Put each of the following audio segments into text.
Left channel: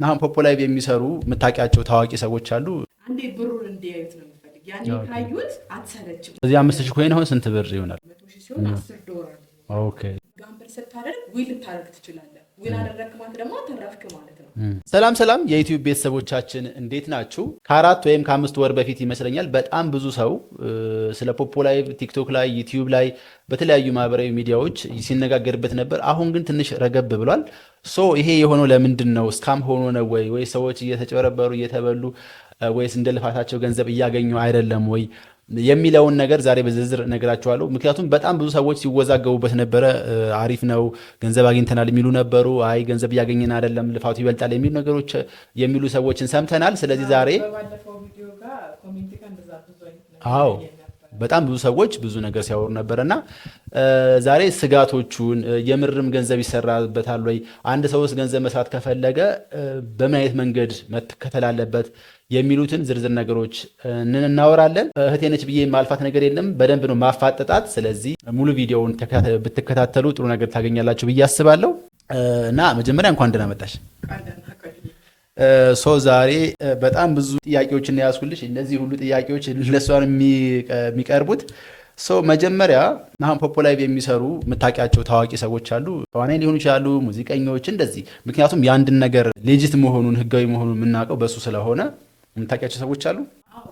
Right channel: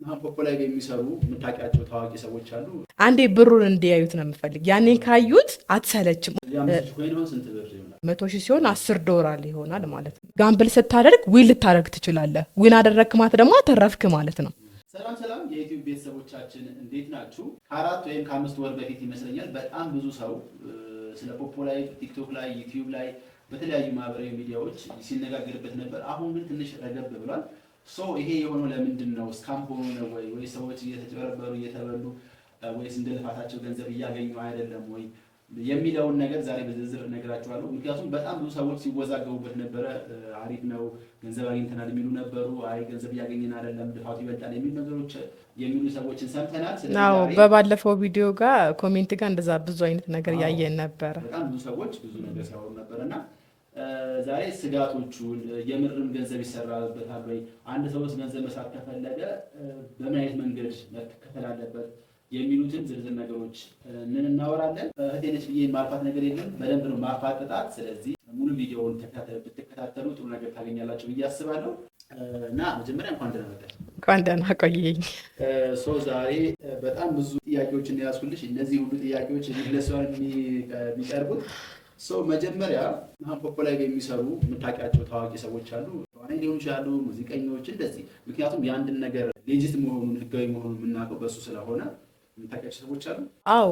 ናም ፖፖ ላይ የሚሰሩ መታቂያቸው ታዋቂ ሰዎች አሉ። አንዴ ብሩን እንዲያዩት ነው የምፈልግ። ያኔ ካዩት አትሰለችም። እዚህ 5000 ኮይን አሁን ስንት ብር ይሆናል? 100,000 ሲሆን $10 ይሆናል ማለት ነው። ጋምብል ስታደርግ ዊል ልታደርግ ትችላለህ። ዊን አደረግክ ማለት ደግሞ አተረፍክ ማለት ነው። ሰላም ሰላም የዩቲዩብ ቤተሰቦቻችን እንዴት ናችሁ? ከ4 ወይም ከ5 ወር በፊት ይመስለኛል በጣም ብዙ ሰው ስለ ፖፖ ላይ ቲክቶክ ላይ ዩቲዩብ ላይ በተለያዩ ማህበራዊ ሚዲያዎች ሲነጋገርበት ነበር። አሁን ግን ትንሽ ረገብ ብሏል። ይሄ የሆነው ለምንድን ነው? ስካም ሆኖ ነው ወይ ሰዎች እየተጨበረበሩ እየተበሉ ወይስ እንደ ልፋታቸው ገንዘብ እያገኙ አይደለም ወይ የሚለውን ነገር ዛሬ በዝርዝር እነግራችኋለሁ። ምክንያቱም በጣም ብዙ ሰዎች ሲወዛገቡበት ነበረ። አሪፍ ነው ገንዘብ አግኝተናል የሚሉ ነበሩ። አይ ገንዘብ እያገኘን አይደለም ልፋቱ ይበልጣል የሚሉ ነገሮች የሚሉ ሰዎችን ሰምተናል። ስለዚህ ዛሬ በባለፈው ቪዲዮ ጋር ኮሜንት ጋር እንደዛ ብዙ አይነት ነገር ያየን ነበር። በጣም ብዙ ሰዎች ብዙ ነገር ሲያወሩ ነበርና ዛሬ ስጋቶቹን የምርም ገንዘብ ይሰራበታል ወይ፣ አንድ ሰውስ ገንዘብ መስራት ከፈለገ በምን አይነት መንገድ መከተል አለበት የሚሉትን ዝርዝር ነገሮች እናወራለን። እህቴ ነች ብዬ ማልፋት ነገር የለም፣ በደንብ ነው ማፋጠጣት። ስለዚህ ሙሉ ቪዲዮውን ብትከታተሉ ጥሩ ነገር ታገኛላችሁ ብዬ አስባለሁ። እና መጀመሪያ እንኳን ደህና መጣሽ። እንኳን ደህና ቆየኝ። ዛሬ በጣም ብዙ ጥያቄዎችን ያስኩልሽ። እነዚህ ሁሉ ጥያቄዎች ለሷን የሚቀርቡት መጀመሪያ ናም ፖፖ ላይ የሚሰሩ መታቂያቸው ታዋቂ ሰዎች አሉ። ተዋናይ ሊሆኑ ይችላሉ፣ ሙዚቀኞች እንደዚህ። ምክንያቱም የአንድን ነገር ሌጂት መሆኑን ህጋዊ መሆኑን የምናውቀው በሱ ስለሆነ የምታውቂያቸው ሰዎች አሉ? አዎ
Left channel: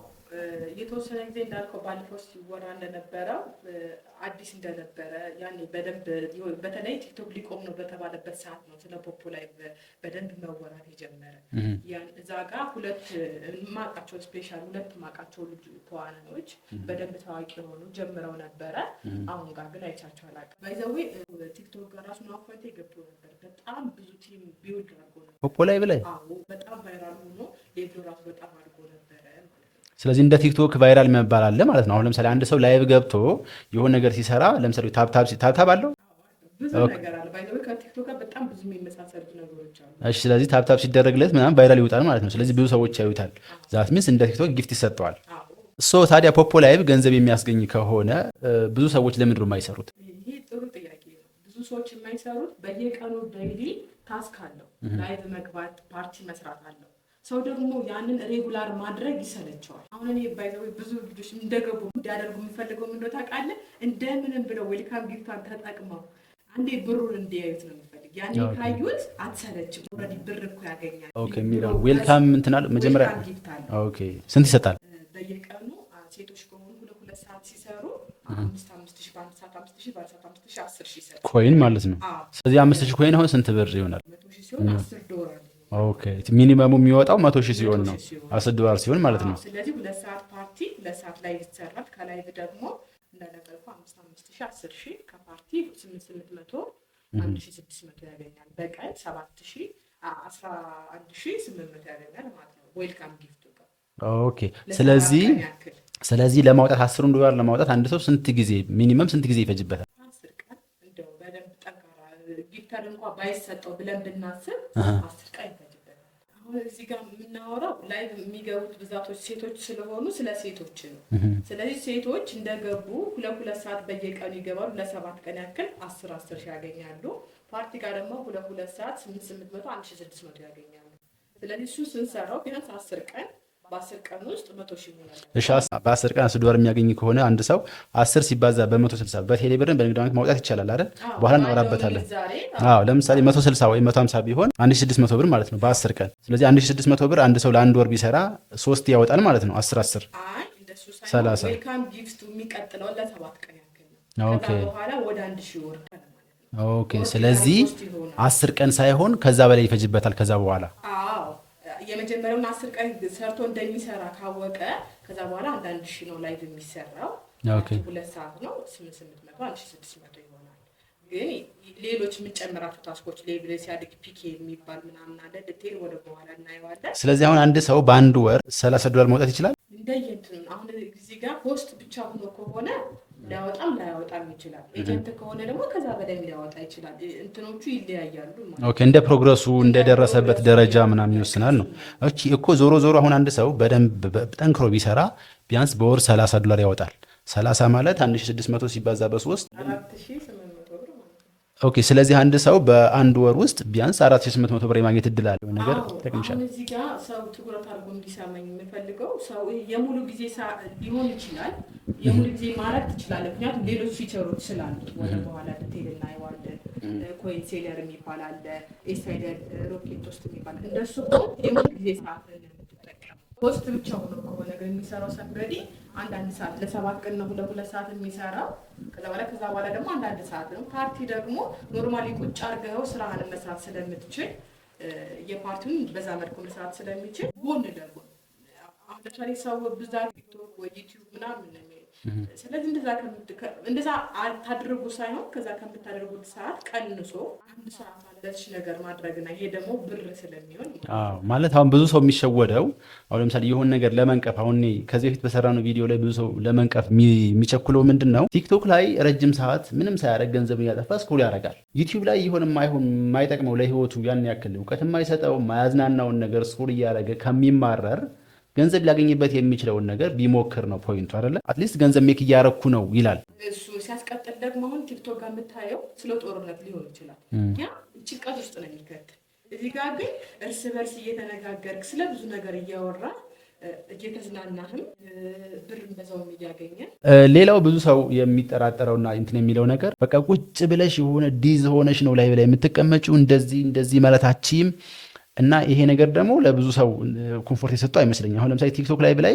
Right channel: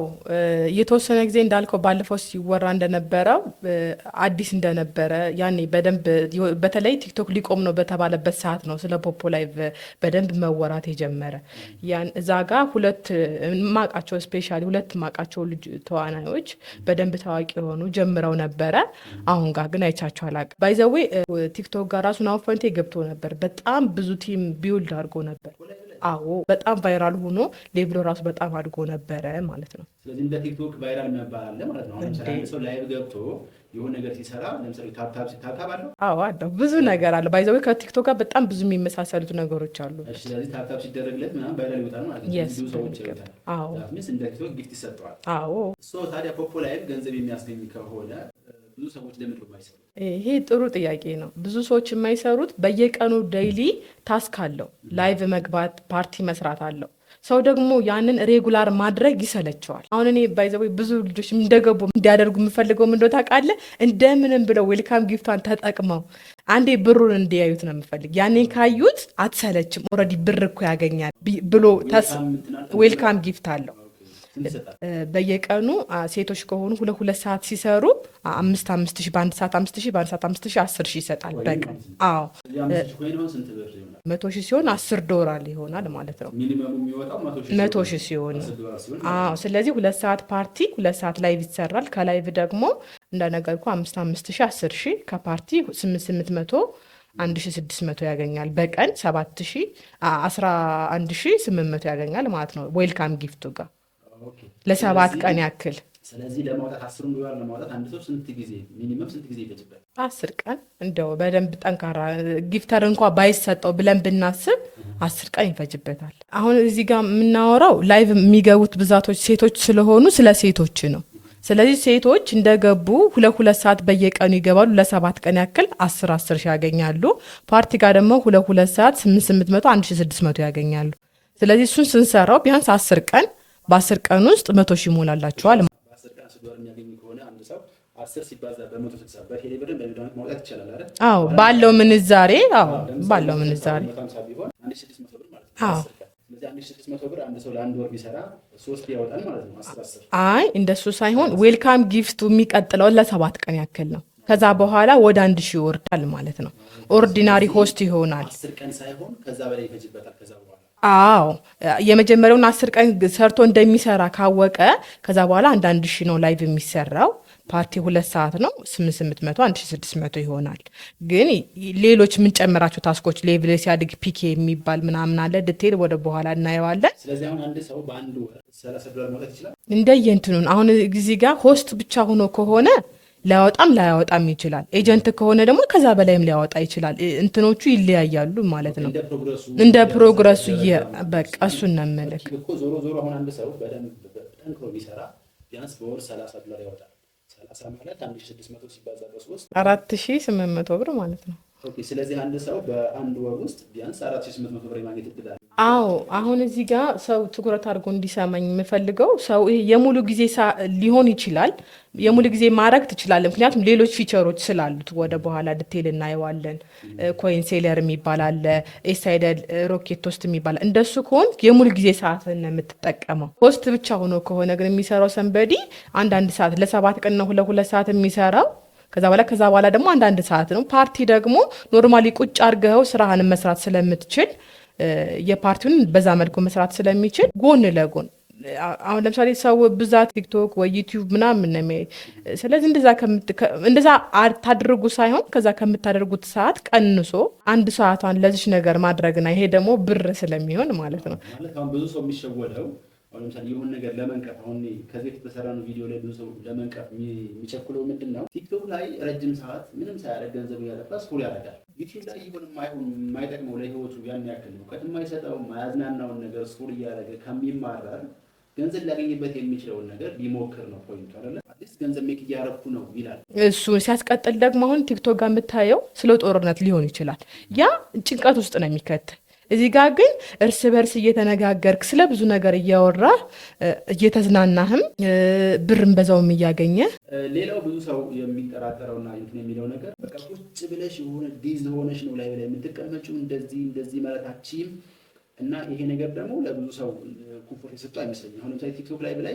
የተወሰነ ጊዜ እንዳልከው ባለፈው ሲወራ እንደነበረው አዲስ እንደነበረ ያኔ በደንብ በተለይ ቲክቶክ ሊቆም ነው በተባለበት ሰዓት ነው ስለ ፖፖ ላይቭ በደንብ መወራት የጀመረ። ያን እዛ ጋር ሁለት ማቃቸው ልጅ ተዋናዮች በደንብ ታዋቂ የሆኑ ጀምረው ነበረ። አሁን ጋር ግን አይቻቸው አላውቅም። ባይዘዌ ቲክቶክ ጋር ራሱን አውፈንቴ ገብቶ ነበር። በጣም ብዙ ቲም ቢውልድ አድርጎ ነበር ፖፖ ላይቭ ላይ። አዎ በጣም ቫይራል ሆኖ ሌብሎ ራሱ በጣም አድጎ ነበረ ማለት ነው። ስለዚህ እንደ ቲክቶክ ቫይራል መባል አለ ማለት ነው። አሁን ለምሳሌ አንድ ሰው ላይቭ ገብቶ የሆነ ነገር ሲሰራ ለምሳሌ ታብታብ አለው። አዎ አለው፣ ብዙ ነገር አለ። ባይዘው ከቲክቶክ ጋር በጣም ብዙ የሚመሳሰሉት ነገሮች አሉ። እሺ፣ ስለዚህ ታብታብ ሲደረግለት ምናምን ቫይራል ይወጣል ማለት ነው። ስለዚህ ብዙ ሰዎች ያዩታል። ዛት ሚንስ እንደ ቲክቶክ ጊፍት ይሰጠዋል። አዎ ታዲያ ፖፖ ላይቭ ገንዘብ የሚያስገኝ ከሆነ ብዙ ሰዎች ለምንድን ነው የማይሰሩት? ይሄ ጥሩ ጥያቄ ነው። ብዙ ሰዎች የማይሰሩት በየቀኑ ዴይሊ ታስክ አለው። ላይቭ መግባት፣ ፓርቲ መስራት አለው። ሰው ደግሞ ያንን ሬጉላር ማድረግ ይሰለቸዋል። አሁን እኔ ባይዘው ብዙ ልጆች እንደገቡ እንዲያደርጉ የምፈልገው ምን እንደው ታውቃለህ፣ እንደምንም ብለው ዌልካም ጊፍቷን ተጠቅመው አንዴ ብሩን እንዲያዩት ነው የምፈልግ። ያኔ ካዩት አትሰለችም። ኦልሬዲ ብር እኮ ያገኛል ብሎ ዌልካም ጊፍት አለው። ስንት ይሰጣል? በየቀኑ ሴቶች ከሆኑ 2 ሰዓት ሲሰሩ 5,000 በአንድ ሰዓት 5,000 በአንድ ሰዓት 5,000 10,000 ይሰጣል ኮይን ማለት ነው። ስለዚህ 5,000 ኮይን አሁን ስንት ብር ይሆናል? 100,000 ሲሆን $10 ይሆናል ማለት ነው። ሚኒመሙ የሚወጣው 100,000 ሲሆን $10 ሲሆን ማለት ነው። ስለዚህ 2 ሰዓት ፓርቲ 2 ሰዓት ላይቭ ይሰራል። ከላይቭ ደግሞ እንደነገርኩ 5,000 10,000 ከፓርቲ 800 1,600 ያገኛል። በቀን 7,000 11,800 ያገኛል ማለት ነው ዌልካም ጊፍቱ ጋር ለሰባት ቀን ያክል። ስለዚህ ለማውጣት $10 ለማውጣት አንድ ሰው ስንት ጊዜ ሚኒመም ስንት ጊዜ ይፈጅበታል? 10 ቀን እንደው በደንብ ጠንካራ ጊፍተር እንኳ ባይሰጠው ብለን ብናስብ 10 ቀን ይፈጅበታል። አሁን እዚህ ጋር የምናወራው ላይቭ የሚገቡት ብዛቶች ሴቶች ስለሆኑ ስለ ሴቶች ነው። ስለዚህ ሴቶች እንደገቡ 2 ሰዓት በየቀኑ ይገባሉ። ለ7 ቀን ያክል 10 ሺህ ያገኛሉ። ፓርቲ ጋር ደግሞ 2 ሰዓት 800 1,600 ያገኛሉ። ስለዚህ እሱን ስንሰራው ቢያንስ 10 ቀን በ10 ቀን ውስጥ 100,000 ይሞላላቸዋል። በ10 ቀን $10 የሚያገኝ ከሆነ አንድ ሰው 10 ሲባዛ በ160 በቴሌ ብርን በንግድ ባንክ ማውጣት ይቻላል አይደል? ባለው ምንዛሬ ለምሳሌ 160 ወይ 150 ቢሆን 1,600 ብር ማለት ነው በ10 ቀን። ስለዚህ 1,600 ብር አንድ ሰው ለአንድ ወር ቢሰራ 3 ያወጣል ማለት ነው። 10 አይ እንደሱ ሳይሆን ዌልካም ጊፍቱ የሚቀጥለው ለ7 ቀን ያክል ነው። ከዛ በኋላ ወደ 1,000 ይወርዳል ማለት ነው። ኦርዲናሪ ሆስት ይሆናል። 10 ቀን ሳይሆን ከዛ በላይ ይፈጅበታል ከዛ በኋላ። አዎ የመጀመሪያውን 10 ቀን ሰርቶ እንደሚሰራ ካወቀ ከዛ በኋላ 1,000 ነው ላይቭ የሚሰራው። ፓርቲ 2 ሰዓት ነው 800 1,600 ይሆናል። ግን ሌሎች የምንጨምራቸው ታስኮች ሌቭል ሲያድግ ፒኬ የሚባል ምናምን አለ። ዲቴል ወደ በኋላ እናየዋለን። ስለዚህ አሁን አንድ ሰው በአንድ ወር $30 ማውጣት ይችላል እንደየእንትኑን። አሁን እዚህ ጋር ሆስት ብቻ ሆኖ ከሆነ ላያወጣም ይችላል። ኤጀንት ከሆነ ደግሞ ከዛ በላይም ሊያወጣ ይችላል። እንትኖቹ ይለያያሉ ማለት ነው። እንደ ፕሮግረሱ እንደደረሰበት ደረጃ ምናምን ይወስናል እኮ። ዞሮ አሁን አንድ ሰው በደንብ ጠንክሮ ቢሰራ ቢያንስ በወር $30 ያወጣል። 30 ማለት 1,600 ሲባዛ በ3 4,800 ብር ማለት ነው። ኦኬ። ስለዚህ አንድ ሰው በአንድ ወር ውስጥ ቢያንስ 4800 ብር የማግኘት እድል አለው። አዎ አሁን እዚህ ጋር ሰው ትኩረት አድርጎ እንዲሰማኝ የምፈልገው ሰው ይሄ የሙሉ ጊዜ ሊሆን ይችላል፣ የሙሉ ጊዜ ማድረግ ትችላለህ። ምክንያቱም ሌሎች ፊቸሮች ስላሉት ወደ በኋላ ዲቴል እናየዋለን። ኮይን ሴለር የሚባል አለ፣ ኤሳይደል ሮኬት ቶስት የሚባል እንደሱ ከሆን የሙሉ ጊዜ ሰዓትን ነው የምትጠቀመው። ፖስት ብቻ ሆኖ ከሆነ ግን የሚሰራው ሰንበዲ አንዳንድ ሰዓት ለ7 ቀን ነው 2 ሰዓት የሚሰራው። ከዛ በኋላ ደግሞ አንዳንድ ሰዓት ነው። ፓርቲ ደግሞ ኖርማሊ ቁጭ አድርገው ስራህን መስራት ስለምትችል የፓርቲውን በዛ መልኩ መስራት ስለሚችል ጎን ለጎን አሁን ለምሳሌ ሰው ብዛት ቲክቶክ ወይ ዩቲዩብ ምናምን ነው የሚያይ። ስለዚህ እንደዛ ታድርጉ ሳይሆን ከዛ ከምታደርጉት ሰዓት ቀንሶ 1 ሰዓቷን ለዚች ነገር ማድረግና ይሄ ደግሞ ብር ስለሚሆን ማለት ነው። ማለት አሁን ብዙ ሰው የሚሸወደው አሁን ለምሳሌ የሆነ ነገር ለመንቀፍ አሁን ከዚህ በፊት በሰራነው ቪዲዮ ላይ ብዙ ሰው ለመንቀፍ የሚቸኩለው ምንድን ነው? ቲክቶክ ላይ ረጅም ሰዓት ምንም ሳያደርግ ገንዘብ እያጠፋ ስክሮል ያደርጋል። ዩቲዩብ ላይ ይሆን የማይጠቅመው ለህይወቱ ያን ያክል እውቀት የማይሰጠው የማያዝናናውን ነገር ስክሮል እያደረገ ከሚማረር ገንዘብ ሊያገኝበት የሚችለውን ነገር ቢሞክር ነው ፖይንቱ አይደለ? አትሊስት ገንዘብ ሜክ እያረኩ ነው ይላል እሱ። ሲያስቀጥል ደግሞ አሁን ቲክቶክ ጋር የምታየው ስለ ጦርነት ሊሆን ይችላል። ያ ጭንቀት ውስጥ ነው የሚከትል። እዚህ ጋር ግን እርስ በርስ እየተነጋገርክ ስለ ብዙ ነገር እያወራ እየተዝናናህም ብርን በዛውም እያገኘ። ሌላው ብዙ ሰው የሚጠራጠረውና እንትን የሚለው ነገር በቃ ቁጭ ብለሽ የሆነ ዲዝ ሆነሽ ነው ላይ ላይ የምትቀመጪው እንደዚህ ማለታችም እና ይሄ ነገር ደግሞ ለብዙ ሰው ኮምፎርት የሰጠው አይመስለኝም። አሁን ለምሳሌ ቲክቶክ ላይቭ ላይ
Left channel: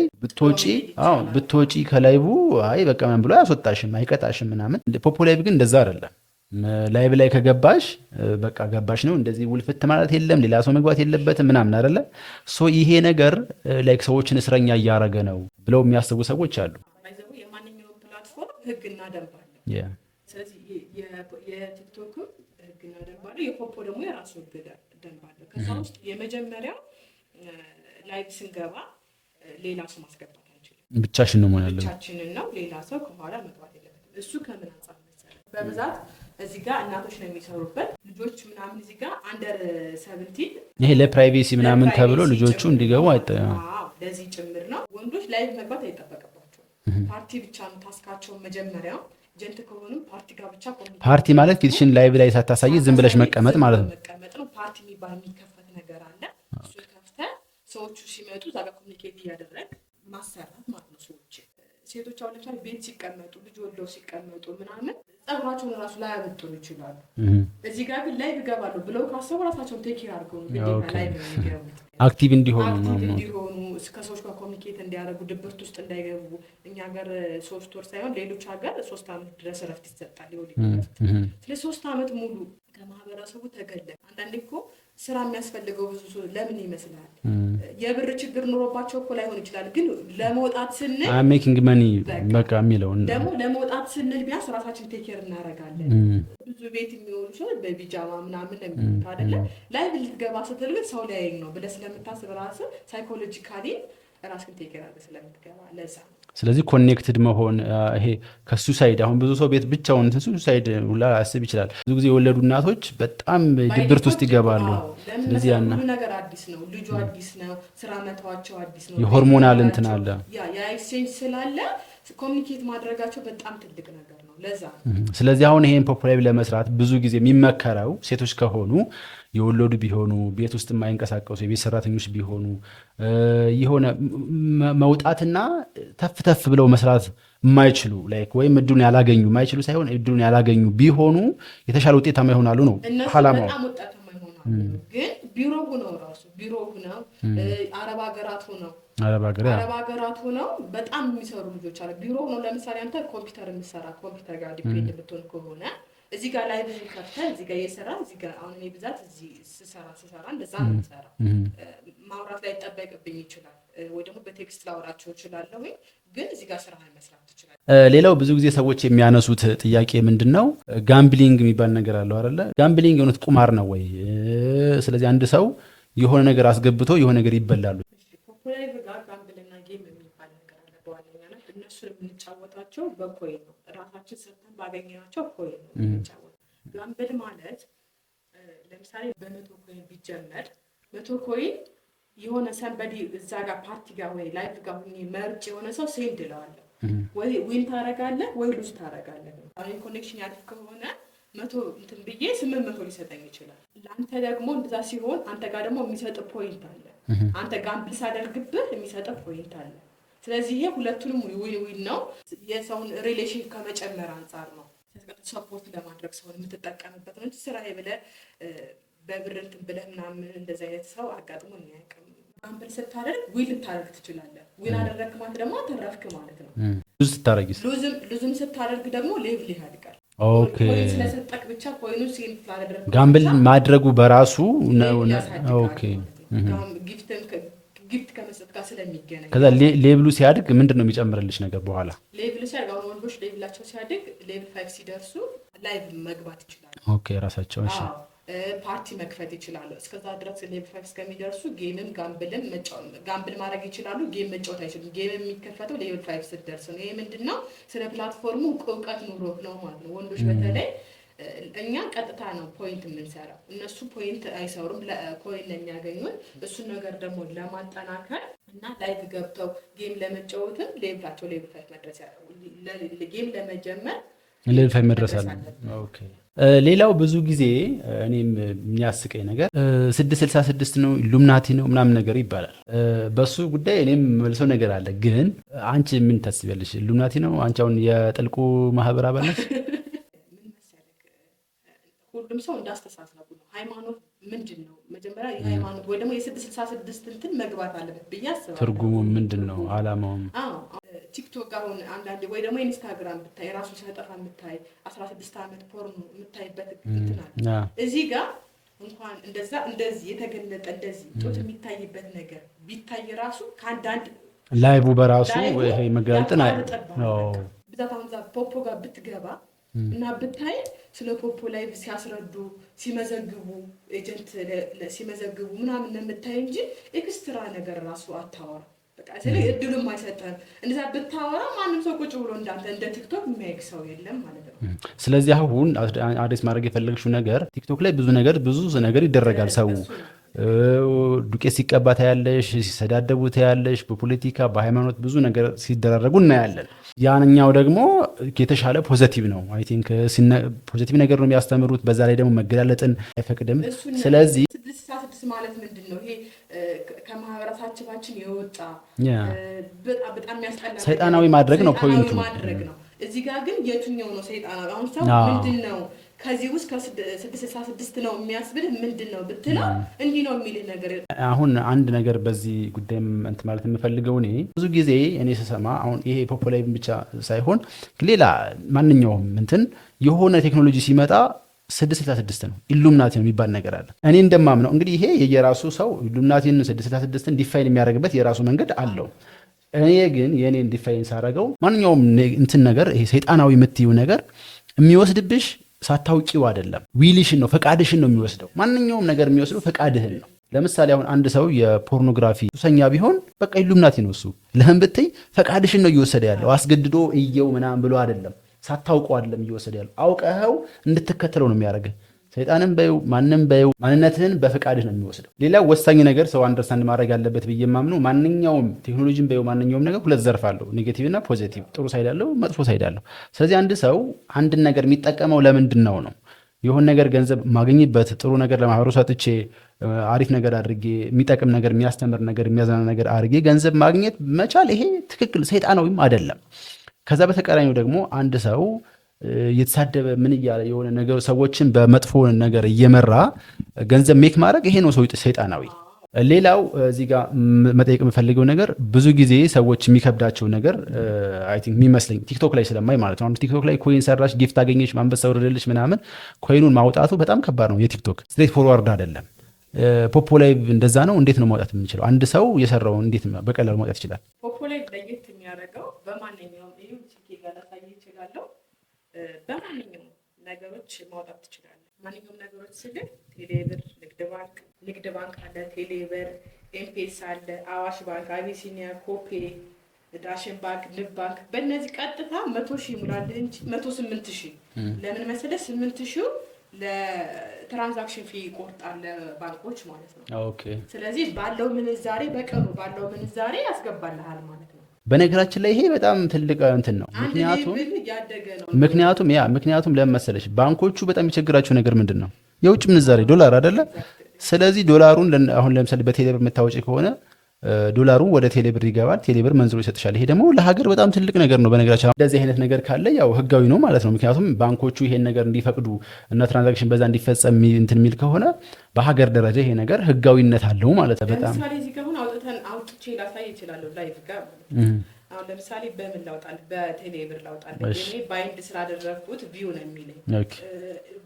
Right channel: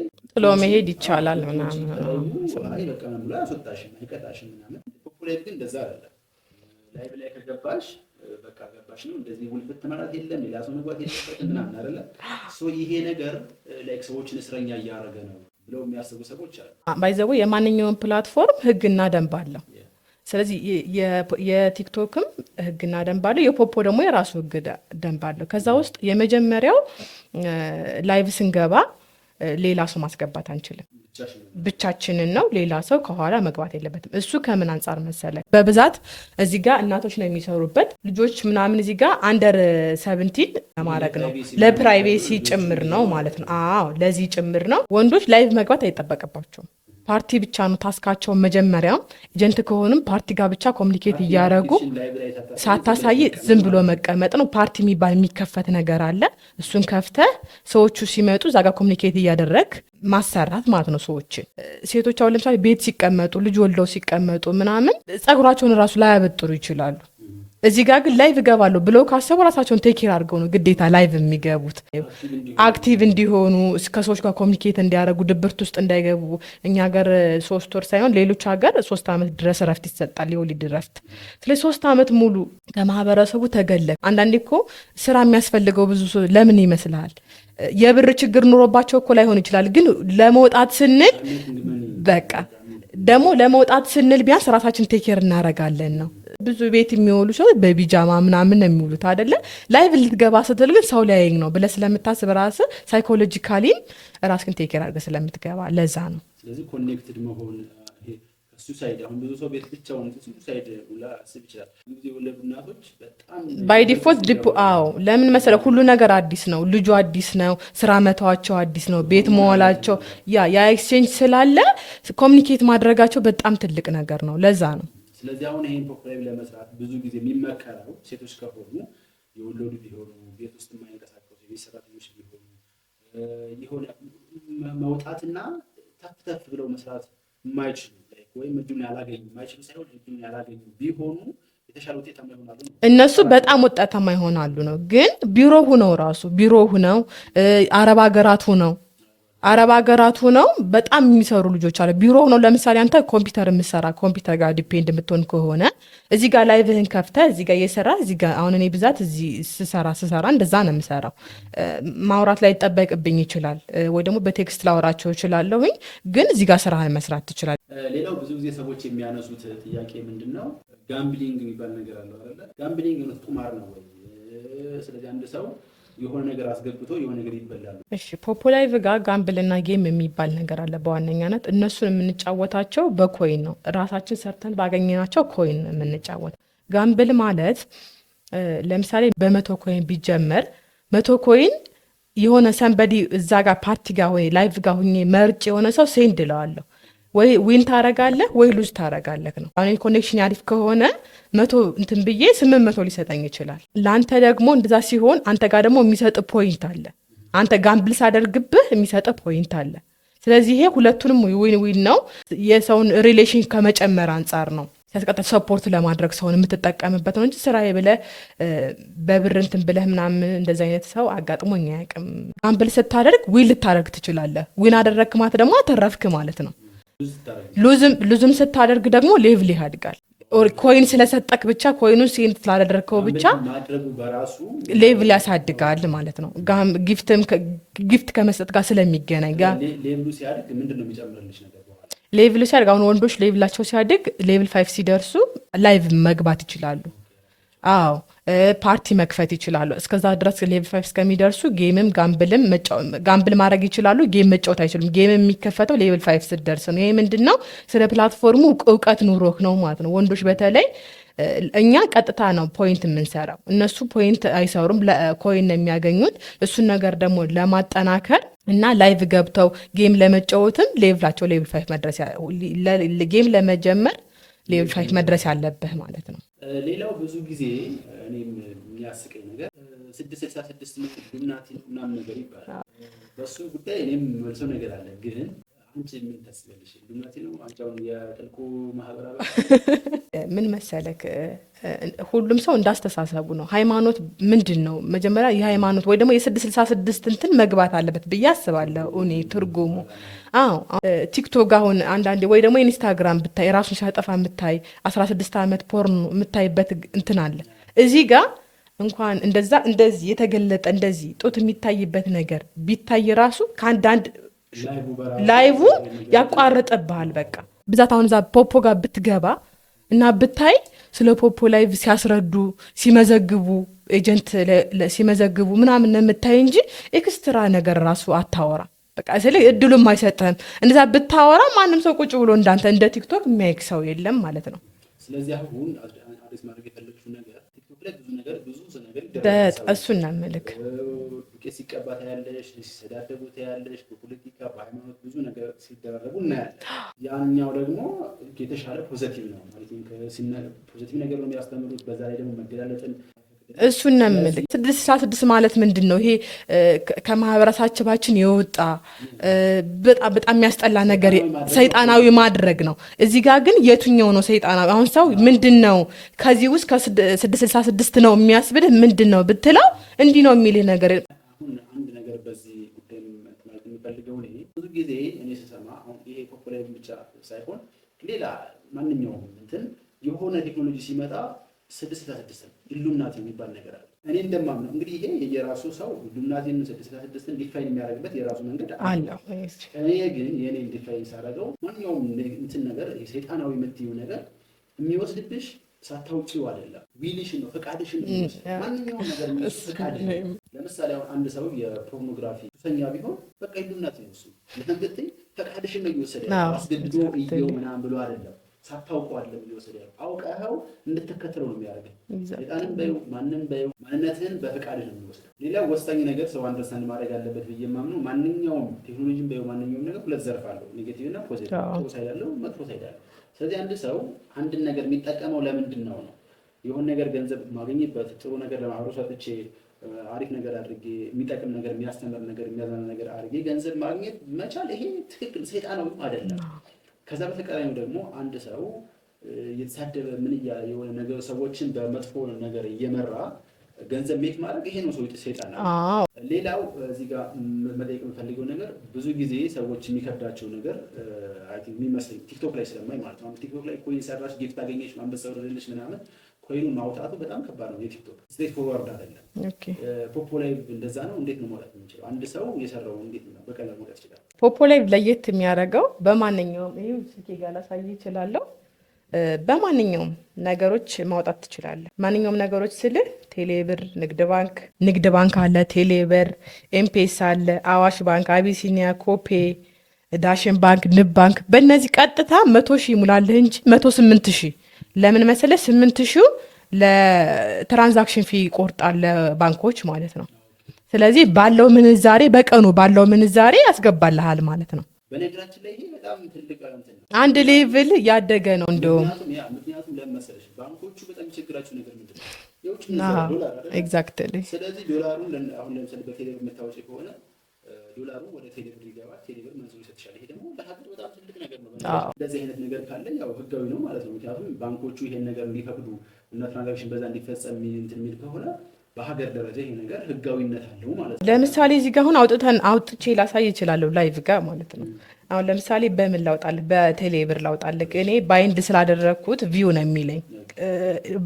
ብትወጪ ከላይቡ አይ በቃ ምን ብሎ አያስወጣሽም አይቀጣሽም ምናምን። ፖፖ ላይቭ ግን እንደዛ አይደለም። ላይቭ ላይ ከገባሽ በቃ ገባሽ ነው። እንደዚህ ውልፍት ማለት የለም፣ ሌላ ሰው መግባት የለበትም ምናምን አይደለ? ይሄ ነገር ላይክ ሰዎችን እስረኛ እያረገ ነው ብለው የሚያስቡ ሰዎች አሉ። ባይዘው የማንኛውም ፕላትፎርም ህግና ደንብ አለው። ስለዚህ የቲክቶክም ህግና ደንብ አለው፣ የፖፖ ደግሞ የራሱ ህግ ደንብ አለው። ከዛ ውስጥ የመጀመሪያው ላይቭ ስንገባ ሌላ ሰው ማስገባት አንችልም። ብቻችንን ነው። ሌላ ሰው ከኋላ መግባት የለበትም። እሱ ከምን አንጻር መሰለ? በብዛት እዚህ ጋር እናቶች ነው የሚሰሩበት፣ ልጆች ምናምን እዚህ ጋር አንደር 17 ለፕራይቬሲ ጭምር ነው ማለት ነው። አዎ ለዚህ ጭምር ነው። ወንዶች ላይቭ መግባት አይጠበቅባቸውም። ፓርቲ ብቻ ነው ታስካቸው። መጀመሪያም ኤጀንት ከሆኑም ፓርቲ ጋር ብቻ ኮሚኒኬት እያደረጉ ላይቭ ላይ ሳታሳይ ዝም ብለሽ መቀመጥ ነው። ፓርቲ የሚባል የሚከፈት ነገር አለ። እሱን ከፍተህ ሰዎቹ ሲመጡ እዛ ጋር ኮሚኒኬት እያደረግ ማሰራት ማለት ነው። ሰዎችን ሴቶች አሁን ለምሳሌ ቤት ሲቀመጡ ልጅ ወልደው ሲቀመጡ ምናምን ጸጉራቸውን ራሱ ላያበጥሩ ይችላሉ። እዚህ ጋር ግን ላይቭ እገባለሁ ብለው ካሰቡ ራሳቸውን ቴኬር አድርገው ነው ግዴታ ላይቭ የሚገቡት። አክቲቭ እንዲሆኑ ከሰዎች ጋር ኮሚኒኬት እንዲያደርጉ፣ ድብርት ውስጥ እንዳይገቡ። እኛ ሀገር 3 ወር ሳይሆን ሌሎች ሀገር 3 ዓመት ድረስ ረፍት ይሰጣል፣ የወሊድ ረፍት። ስለዚህ 3 ዓመት ሙሉ ከማህበረሰቡ ተገለል። አንዳንዴ እኮ ስራ የሚያስፈልገው ብዙ ለምን ይመስልሃል? የብር ችግር ኑሮባቸው እኮ ላይሆን ይችላል፣ ግን ለመውጣት ስንል ደግሞ ለመውጣት ስንል ቢያንስ ራሳችን ቴኬር እናረጋለን ነው። ብዙ ቤት የሚውሉ ሰዎች በቢጃማ ምናምን የሚውሉት አይደለ? ላይቭ ልትገባ ስትል ግን ሰው ሊያየኝ ነው ብለህ ስለምታስብ ራስህ ሳይኮሎጂካሊም ራስህን ቴኬር አድርገህ ስለምትገባ ለዛ ነው። ስለዚህ ኮኔክትድ መሆን ይሄ ከሱሳይድ አሁን ብዙ ሰው ቤት ብቻውን ሱሳይድ ሁላ ያስብ ይችላል። ብዙ ጊዜ የወለዱ እናቶች በጣም ድብርት ውስጥ ይገባሉ። ለምን መሰለህ? ሁሉ ነገር አዲስ ነው። ልጁ አዲስ ነው። ስራ መተዋቸው አዲስ ነው። ቤት መዋላቸው ያ ኤክስቼንጅ ስላለ ኮሚኒኬት ማድረጋቸው በጣም ትልቅ ነገር ነው። ለዛ ነው። ስለዚህ አሁን ይሄን ፖፑላር ለመስራት ብዙ ጊዜ የሚመከረው ሴቶች ከሆኑ የወለዱ ቢሆኑ ቤት ውስጥ የማይንቀሳቀሱ የቤት ሰራተኞች ቢሆኑ የሆነ መውጣትና ተፍ ብለው መስራት የማይችሉ ላይክ ወይም እድሉን ያላገኙ የማይችሉ ሳይሆን እድሉን ያላገኙ ቢሆኑ የተሻለ ውጤታማ ይሆናሉ ነው። እነሱ በጣም ውጤታማ ይሆናሉ ነው። ግን ቢሮ ሁነው አረብ ሀገራት ሁነው በጣም የሚሰሩ ልጆች አለ። ቢሮ ሁነው ለምሳሌ አንተ ኮምፒውተር የምሰራ ኮምፒውተር ጋር ዲፔንድ የምትሆን ከሆነ እዚህ ጋር ላይቭህን ከፍተህ እዚህ ጋር እየሰራ እዚህ ጋር አሁን እኔ ብዛት እዚህ ስሰራ እንደዛ ነው የምሰራው። ማውራት ላይ ይጠበቅብኝ ይችላል ወይ ደግሞ በቴክስት ላወራቸው እችላለሁኝ፣ ግን እዚህ ጋር ስራህን መስራት ትችላለህ። ሌላው ብዙ ጊዜ ሰዎች የሚያነሱት ጥያቄ ምንድን ነው? ጋምብሊንግ የሚባል ነገር አለው አይደለ? ጋምብሊንግ የሆነት ቁማር ነው ወይ? ስለዚህ አንድ ሰው የሆነ ነገር አስገብቶ የሆነ ነገር ይበላሉ። እሺ ፖፑላይቭ ጋር ጋምብልና ጌም የሚባል ነገር አለ። በዋነኛነት እነሱን የምንጫወታቸው በኮይን ነው። ራሳችን ሰርተን ባገኘናቸው ኮይን የምንጫወት። ጋምብል ማለት ለምሳሌ በ100 ኮይን ቢጀመር 100 ኮይን የሆነ ሰንበዲ እዛ ጋር ፓርቲ ጋር ወይ ላይቭ ጋር ሁኜ መርጭ የሆነ ሰው ሴንድ እለዋለሁ። ወይ ዊን ታረጋለህ ወይ ሉዝ ታረጋለህ ነው። አሁን ኮኔክሽን አሪፍ ከሆነ 100 እንትን ብዬ 800 ሊሰጠኝ ይችላል። ለአንተ ደግሞ እንደዛ ሲሆን አንተ ጋር ደግሞ የሚሰጥ ፖይንት አለ። አንተ ጋምብል ሳደርግብህ የሚሰጥ ፖይንት አለ። ስለዚህ ይሄ ሁለቱንም ዊን ዊን ነው። የሰውን ሪሌሽን ከመጨመር አንጻር ነው። ሲያስቀጥል ሰፖርት ለማድረግ ሰውን የምትጠቀምበት ነው እንጂ ስራዬ ብለህ በብር እንትን ብለህ ምናምን እንደዚህ አይነት ሰው አጋጥሞኝ አያውቅም። ጋምብል ስታደርግ ዊን ልታደርግ ትችላለህ። ዊን አደረግክ ማለት ደግሞ አተረፍክ ማለት ነው። ሉዝም ስታደርግ ደግሞ ሌቭል ያድጋል። ኮይን ስለሰጠክ ብቻ ኮይኑን ሴንት ስላደረግከው ብቻ ማድረጉ በራሱ ሌቭል ያሳድጋል ማለት ነው። ጊፍት ከመስጠት ጋር ስለሚገናኝ ሌቭሉ ሲያድግ ምንድን ነው የሚጨምርልሽ ነገር በኋላ? ሌቭሉ ሲያድግ አሁን ወንዶች ሌቭላቸው ሲያድግ ሌቭል 5 ሲደርሱ ላይቭ መግባት ይችላሉ። ራሳቸው ፓርቲ መክፈት ይችላሉ። እስከዛ ድረስ ሌቭል 5 እስከሚደርሱ ጌምም ጋምብል ማድረግ ይችላሉ። ጌም መጫወት አይችሉም። ጌም የሚከፈተው ሌቭል 5 ስትደርስ ነው። ይሄ ምንድነው? ስለ ፕላትፎርሙ እውቀት ኑሮክ ነው ማለት ነው። ወንዶች በተለይ እኛ ቀጥታ ነው ፖይንት የምንሰራው፣ እነሱ ፖይንት አይሰሩም፣ ኮይን ነው የሚያገኙት። እሱን ነገር ደግሞ ለማጠናከር እና ላይቭ ገብተው ጌም ለመጫወትም ሌቭላቸው ሌቭል 5 መድረስ ጌም ለመጀመር ሌቭል 5 መድረስ ያለብህ ማለት ነው። ሌላው ብዙ ጊዜ እኔም የሚያስቀኝ ነገር 666 ነው ኢሉሚናቲ ነው ምናምን ነገር ይባላል። በሱ ጉዳይ እኔም መልሰው ነገር አለ። ግን አንቺ ምን ታስቢያለሽ? ኢሉሚናቲ ነው አንቺ አሁን የጥልቁ ማህበር አባል ነሽ? ምን መሰለክ፣ ሁሉም ሰው እንዳስተሳሰቡ ነው። ሃይማኖት ምንድን ነው? መጀመሪያ የሃይማኖት ወይ ደግሞ የ666 እንትን መግባት አለበት ብዬ አስባለሁ። እኔ ትርጉሙ ቲክቶክ አሁን አንዳንዴ ወይ ደግሞ ኢንስታግራም ብታይ ራሱን ሲያጠፋ የምታይ 16 ዓመት ፖርን የምታይበት እንትን አለ። እዚህ ጋር እንኳን እንደዛ እንደዚህ የተገለጠ እንደዚህ ጡት የሚታይበት ነገር ቢታይ ራሱ ከአንዳንድ ላይቡ በራሱ ያቋርጥብሃል። በቃ ብዛት አሁን እዛ ፖፖ ጋር ብትገባ እና ብታይ ስለ ፖፖ ላይቭ ሲያስረዱ ሲመዘግቡ ኤጀንት ሲመዘግቡ ምናምን የምታይ እንጂ ኤክስትራ ነገር ራሱ አታወራ። በቃ ስለዚህ እድሉም አይሰጥህም። እንደዛ ብታወራ ማንም ሰው ቁጭ ብሎ እንዳንተ እንደ ቲክቶክ የሚያይክ ሰው የለም ማለት ነው። ስለዚህ አሁን አዲስ ማድረግ የፈለግሽው ነገር ቲክቶክ ላይ ብዙ ነገር ይደረጋል። ሰው ዱቄት ሲቀባ ታያለሽ፣ ሲሰዳደቡ ታያለሽ፣ በፖለቲካ በሃይማኖት ብዙ ነገር ሲደረጉ እናያለን። ያንኛው ደግሞ የተሻለ ፖዚቲቭ ነው። አይ ቲንክ ፖዚቲቭ ነገር ነው የሚያስተምሩት። በዛ ላይ ደግሞ መገላለጥን አይፈቅድም። ስለዚህ 666 ማለት ምንድን ነው? ይሄ ከማህበረሰባችን የወጣ በጣም የሚያስጠላ ነገር ሰይጣናዊ ማድረግ ነው። እዚህ ጋር ግን የትኛው ነው ሰይጣናዊ? አሁን ሰው ምንድን ነው ከዚህ ውስጥ ከ666 ነው የሚያስብልህ ምንድን ነው ብትለው እንዲህ ነው የሚልህ ነገር። አሁን አንድ ነገር በዚህ ጉዳይ እንትን ማለት የምፈልገው እኔ ብዙ ጊዜ እኔ ስሰማ አሁን ይሄ ፖፑላር ብቻ ሳይሆን ሌላ ማንኛውም እንትን የሆነ ቴክኖሎጂ ሲመጣ 666 ነው ኢሉሚናቲ ነው የሚባል ነገር አለ። እኔ እንደማምነው እንግዲህ ይሄ የየራሱ ሰው ኢሉሚናቲን 666ን ዲፋይን የሚያደርግበት የራሱ መንገድ አለው። እኔ ግን የኔን ዲፋይን ሳደርገው ማንኛውም እንትን ነገር ይሄ ሰይጣናዊ የምትይው ነገር የሚወስድብሽ ሳታውቂው አይደለም፣ ዊልሽን ነው ፈቃድሽን ነው የሚወስደው። ማንኛውም ነገር የሚወስደው ፈቃድህን ነው። ለምሳሌ አሁን አንድ ሰው የፖርኖግራፊ ሱሰኛ ቢሆን በቃ ኢሉሚናቲ ነው እሱ። ለምን ብትይ ፈቃድሽን ነው እየወሰደ ያለው፣ አስገድዶ እየው ምናምን ብሎ አይደለም። ሳታውቀው አይደለም እየወሰደ ያለው፣ አውቀኸው እንድትከተለው ነው የሚያደርግህ። ሰይጣንም በይው ማንም በይው ማንነትህን በፈቃድህ ነው የሚወስደው። ሌላው ወሳኝ ነገር ሰው አንደርስታንድ ማድረግ ያለበት ብዬ የማምነው ማንኛውም ቴክኖሎጂን በይው ማንኛውም ነገር ሁለት ዘርፍ አለው፣ ኔጌቲቭ እና ፖዚቲቭ። ጥሩ ሳይድ አለው፣ መጥፎ ሳይድ አለው። ስለዚህ አንድ ሰው አንድን ነገር የሚጠቀመው ለምንድን ነው? የሆነ ነገር ገንዘብ ማግኝበት ጥሩ ነገር ለማህበረሰቡ ሰጥቼ አሪፍ ነገር አድርጌ የሚጠቅም ነገር የሚያስተምር ነገር የሚያዝናና ነገር አድርጌ ገንዘብ ማግኘት መቻል ይሄ ትክክል ሰይጣናዊም አይደለም። ከዛ በተቃራኒው ደግሞ አንድ ሰው እየተሳደበ ምን እያለ የሆነ ነገር ሰዎችን በመጥፎ ነገር እየመራ ገንዘብ ሜክ ማድረግ ይሄ ነው ሰይጣናዊ። ሌላው እዚህ ጋር መጠየቅ የምፈልገው ነገር ብዙ ጊዜ ሰዎች የሚከብዳቸው ነገር አይ ቲንክ የሚመስለኝ ቲክቶክ ላይ ስለማይ ማለት ነው። ቲክቶክ ላይ ኮይን ሰራሽ፣ ጊፍት አገኘች፣ ማንበሳ ወረደልች ምናምን ኮይኑን ማውጣቱ በጣም ከባድ ነው። የቲክቶክ ስትሬት ፎርዋርድ አይደለም። ፖፖ ላይቭ እንደዛ ነው። እንዴት ነው ማውጣት የምንችለው? አንድ ሰው የሰራውን እንዴት በቀላሉ ማውጣት ይችላል? ፖፖ ላይቭ ለየት የሚያደርገው በማንኛውም ይሄ ስልኬ ጋር ላሳይ ይችላለሁ በማንኛውም ነገሮች ማውጣት ትችላለህ። ማንኛውም ነገሮች ስልህ ቴሌብር፣ ንግድ ባንክ አለ፣ ቴሌብር፣ ኤምፔሳ አለ፣ አዋሽ ባንክ፣ አቢሲኒያ፣ ኮፔ፣ ዳሽን ባንክ፣ ንብ ባንክ። በእነዚህ ቀጥታ 100,000 ሙላለህ እንጂ 108,000 ለምን መሰለህ? 8,000 ለትራንዛክሽን ፊ ይቆርጣል ባንኮች ማለት ነው። ኦኬ። ስለዚህ ባለው ምንዛሬ በቀኑ ባለው ምንዛሬ ያስገባልሃል ማለት ነው። በነገራችን ላይ ይሄ በጣም ትልቅ እንትን ነው። አንድ ሌቭል ያደገ ነው። ምክንያቱም ለምን መሰለሽ ባንኮቹ በጣም የቸግራቸው ነገር ምንድን ነው? የውጭ ምንዛሬ ዶላር አይደለ? ስለዚህ ዶላሩን አሁን ለምሳሌ በቴሌብር የምታወጪ ከሆነ ዶላሩ ወደ ቴሌብር ይገባል። ቴሌብር መንዝሮ ይሰጥሻል። ይሄ ደግሞ ለሀገር በጣም ትልቅ ነገር ነው። በነገራችን እንደዚህ አይነት ነገር ካለ ያው ህጋዊ ነው ማለት ነው። ምክንያቱም ባንኮቹ ይሄን ነገር እንዲፈቅዱ እና ትራንዛክሽን በዛ እንዲፈጸም እንትን የሚል ከሆነ በሀገር ደረጃ ይሄ ነገር ህጋዊነት አለው ማለት ነው። ለምሳሌ እዚህ ጋር አሁን አውጥቼ ላሳይ እችላለሁ ላይቭ ጋር ማለት ነው። አሁን ለምሳሌ በምን ላውጣልህ? በቴሌብር ላውጣልህ። እኔ ባይንድ ስላደረግኩት ቪው ነው የሚለኝ።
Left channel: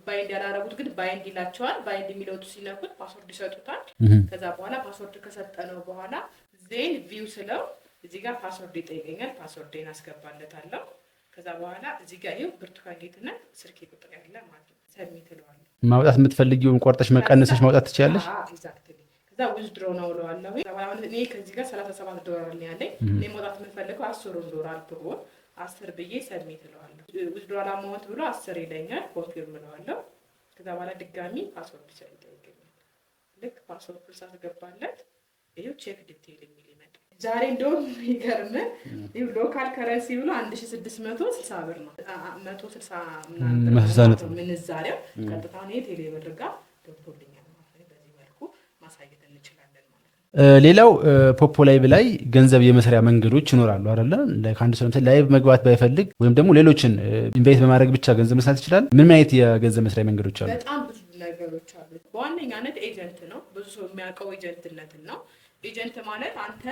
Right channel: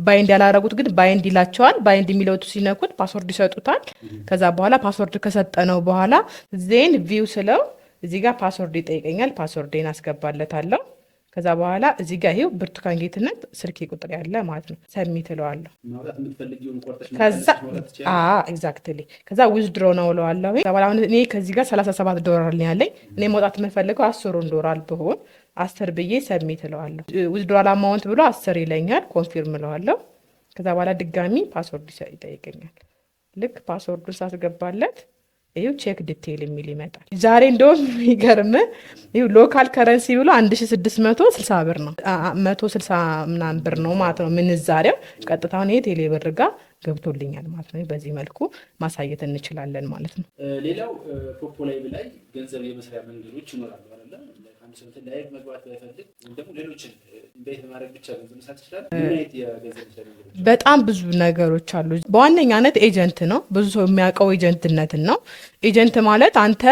ባይንድ ያላረጉት ግን ባይንድ ይላቸዋል። ባይንድ የሚለውቱ ሲነኩት ፓስወርድ ይሰጡታል። ከዛ በኋላ ፓስወርድ ከሰጠነው በኋላ ዜን ቪው ስለው እዚህ ጋር ፓስወርድ ይጠይቀኛል። ፓስወርዴን አስገባለታለሁ። ከዛ በኋላ እዚህ ጋር ይሄው ብርቱካን ጌትነት ስልክ ቁጥር ያለ ማለት ነው። ሰሚት እለዋለሁ። ማውጣት የምትፈልጊውን ቆርጠሽ መቀነስሽ ማውጣት ትችላለሽ። ኤግዛክትሊ። ከዛ ዊዝድሮ ነው እለዋለሁ። ከዛ በኋላ እኔ ከዚህ ጋር $37 ነው ያለኝ። እኔ ማውጣት የምፈልገው $10 ብሆን 10 ብዬ ሰሚት እለዋለሁ። ዊዝድሮ አማውንት ብሎ 10 ይለኛል። ኮንፊርም እለዋለሁ። ከዛ በኋላ ድጋሚ ፓስወርድ ይጠይቀኛል። ልክ ፓስወርዱን ሳስገባለት ይሄው ቼክ ዲቴይል የሚል ይመጣል። ዛሬ እንደውም የሚገርም ይሄው ሎካል ከረንሲ ብሎ 1660 ብር ነው 160 ምናምን ብር ነው ማለት ነው ምንዛሬው። ቀጥታውን ይሄ ቴሌ ብር ጋር ገብቶልኛል ማለት ነው። በዚህ መልኩ ማሳየት እንችላለን ማለት ነው። ሌላው ፖፖ ላይቭ ላይ ገንዘብ የመስሪያ መንገዶች ይኖራሉ አይደለ? ከአንድ ሰው ላይቭ መግባት ባይፈልግ ወይም ደግሞ ሌሎችን ኢንቫይት በማድረግ ብቻ ገንዘብ መስራት ይችላል። ምን አይነት የገንዘብ መስሪያ መንገዶች አሉ? በጣም ብዙ ነገሮች አሉ። በዋነኛነት ኤጀንት ነው። ብዙ ሰው የሚያውቀው ኤጀንትነትን ነው። ኤጀንት ማለት አንተ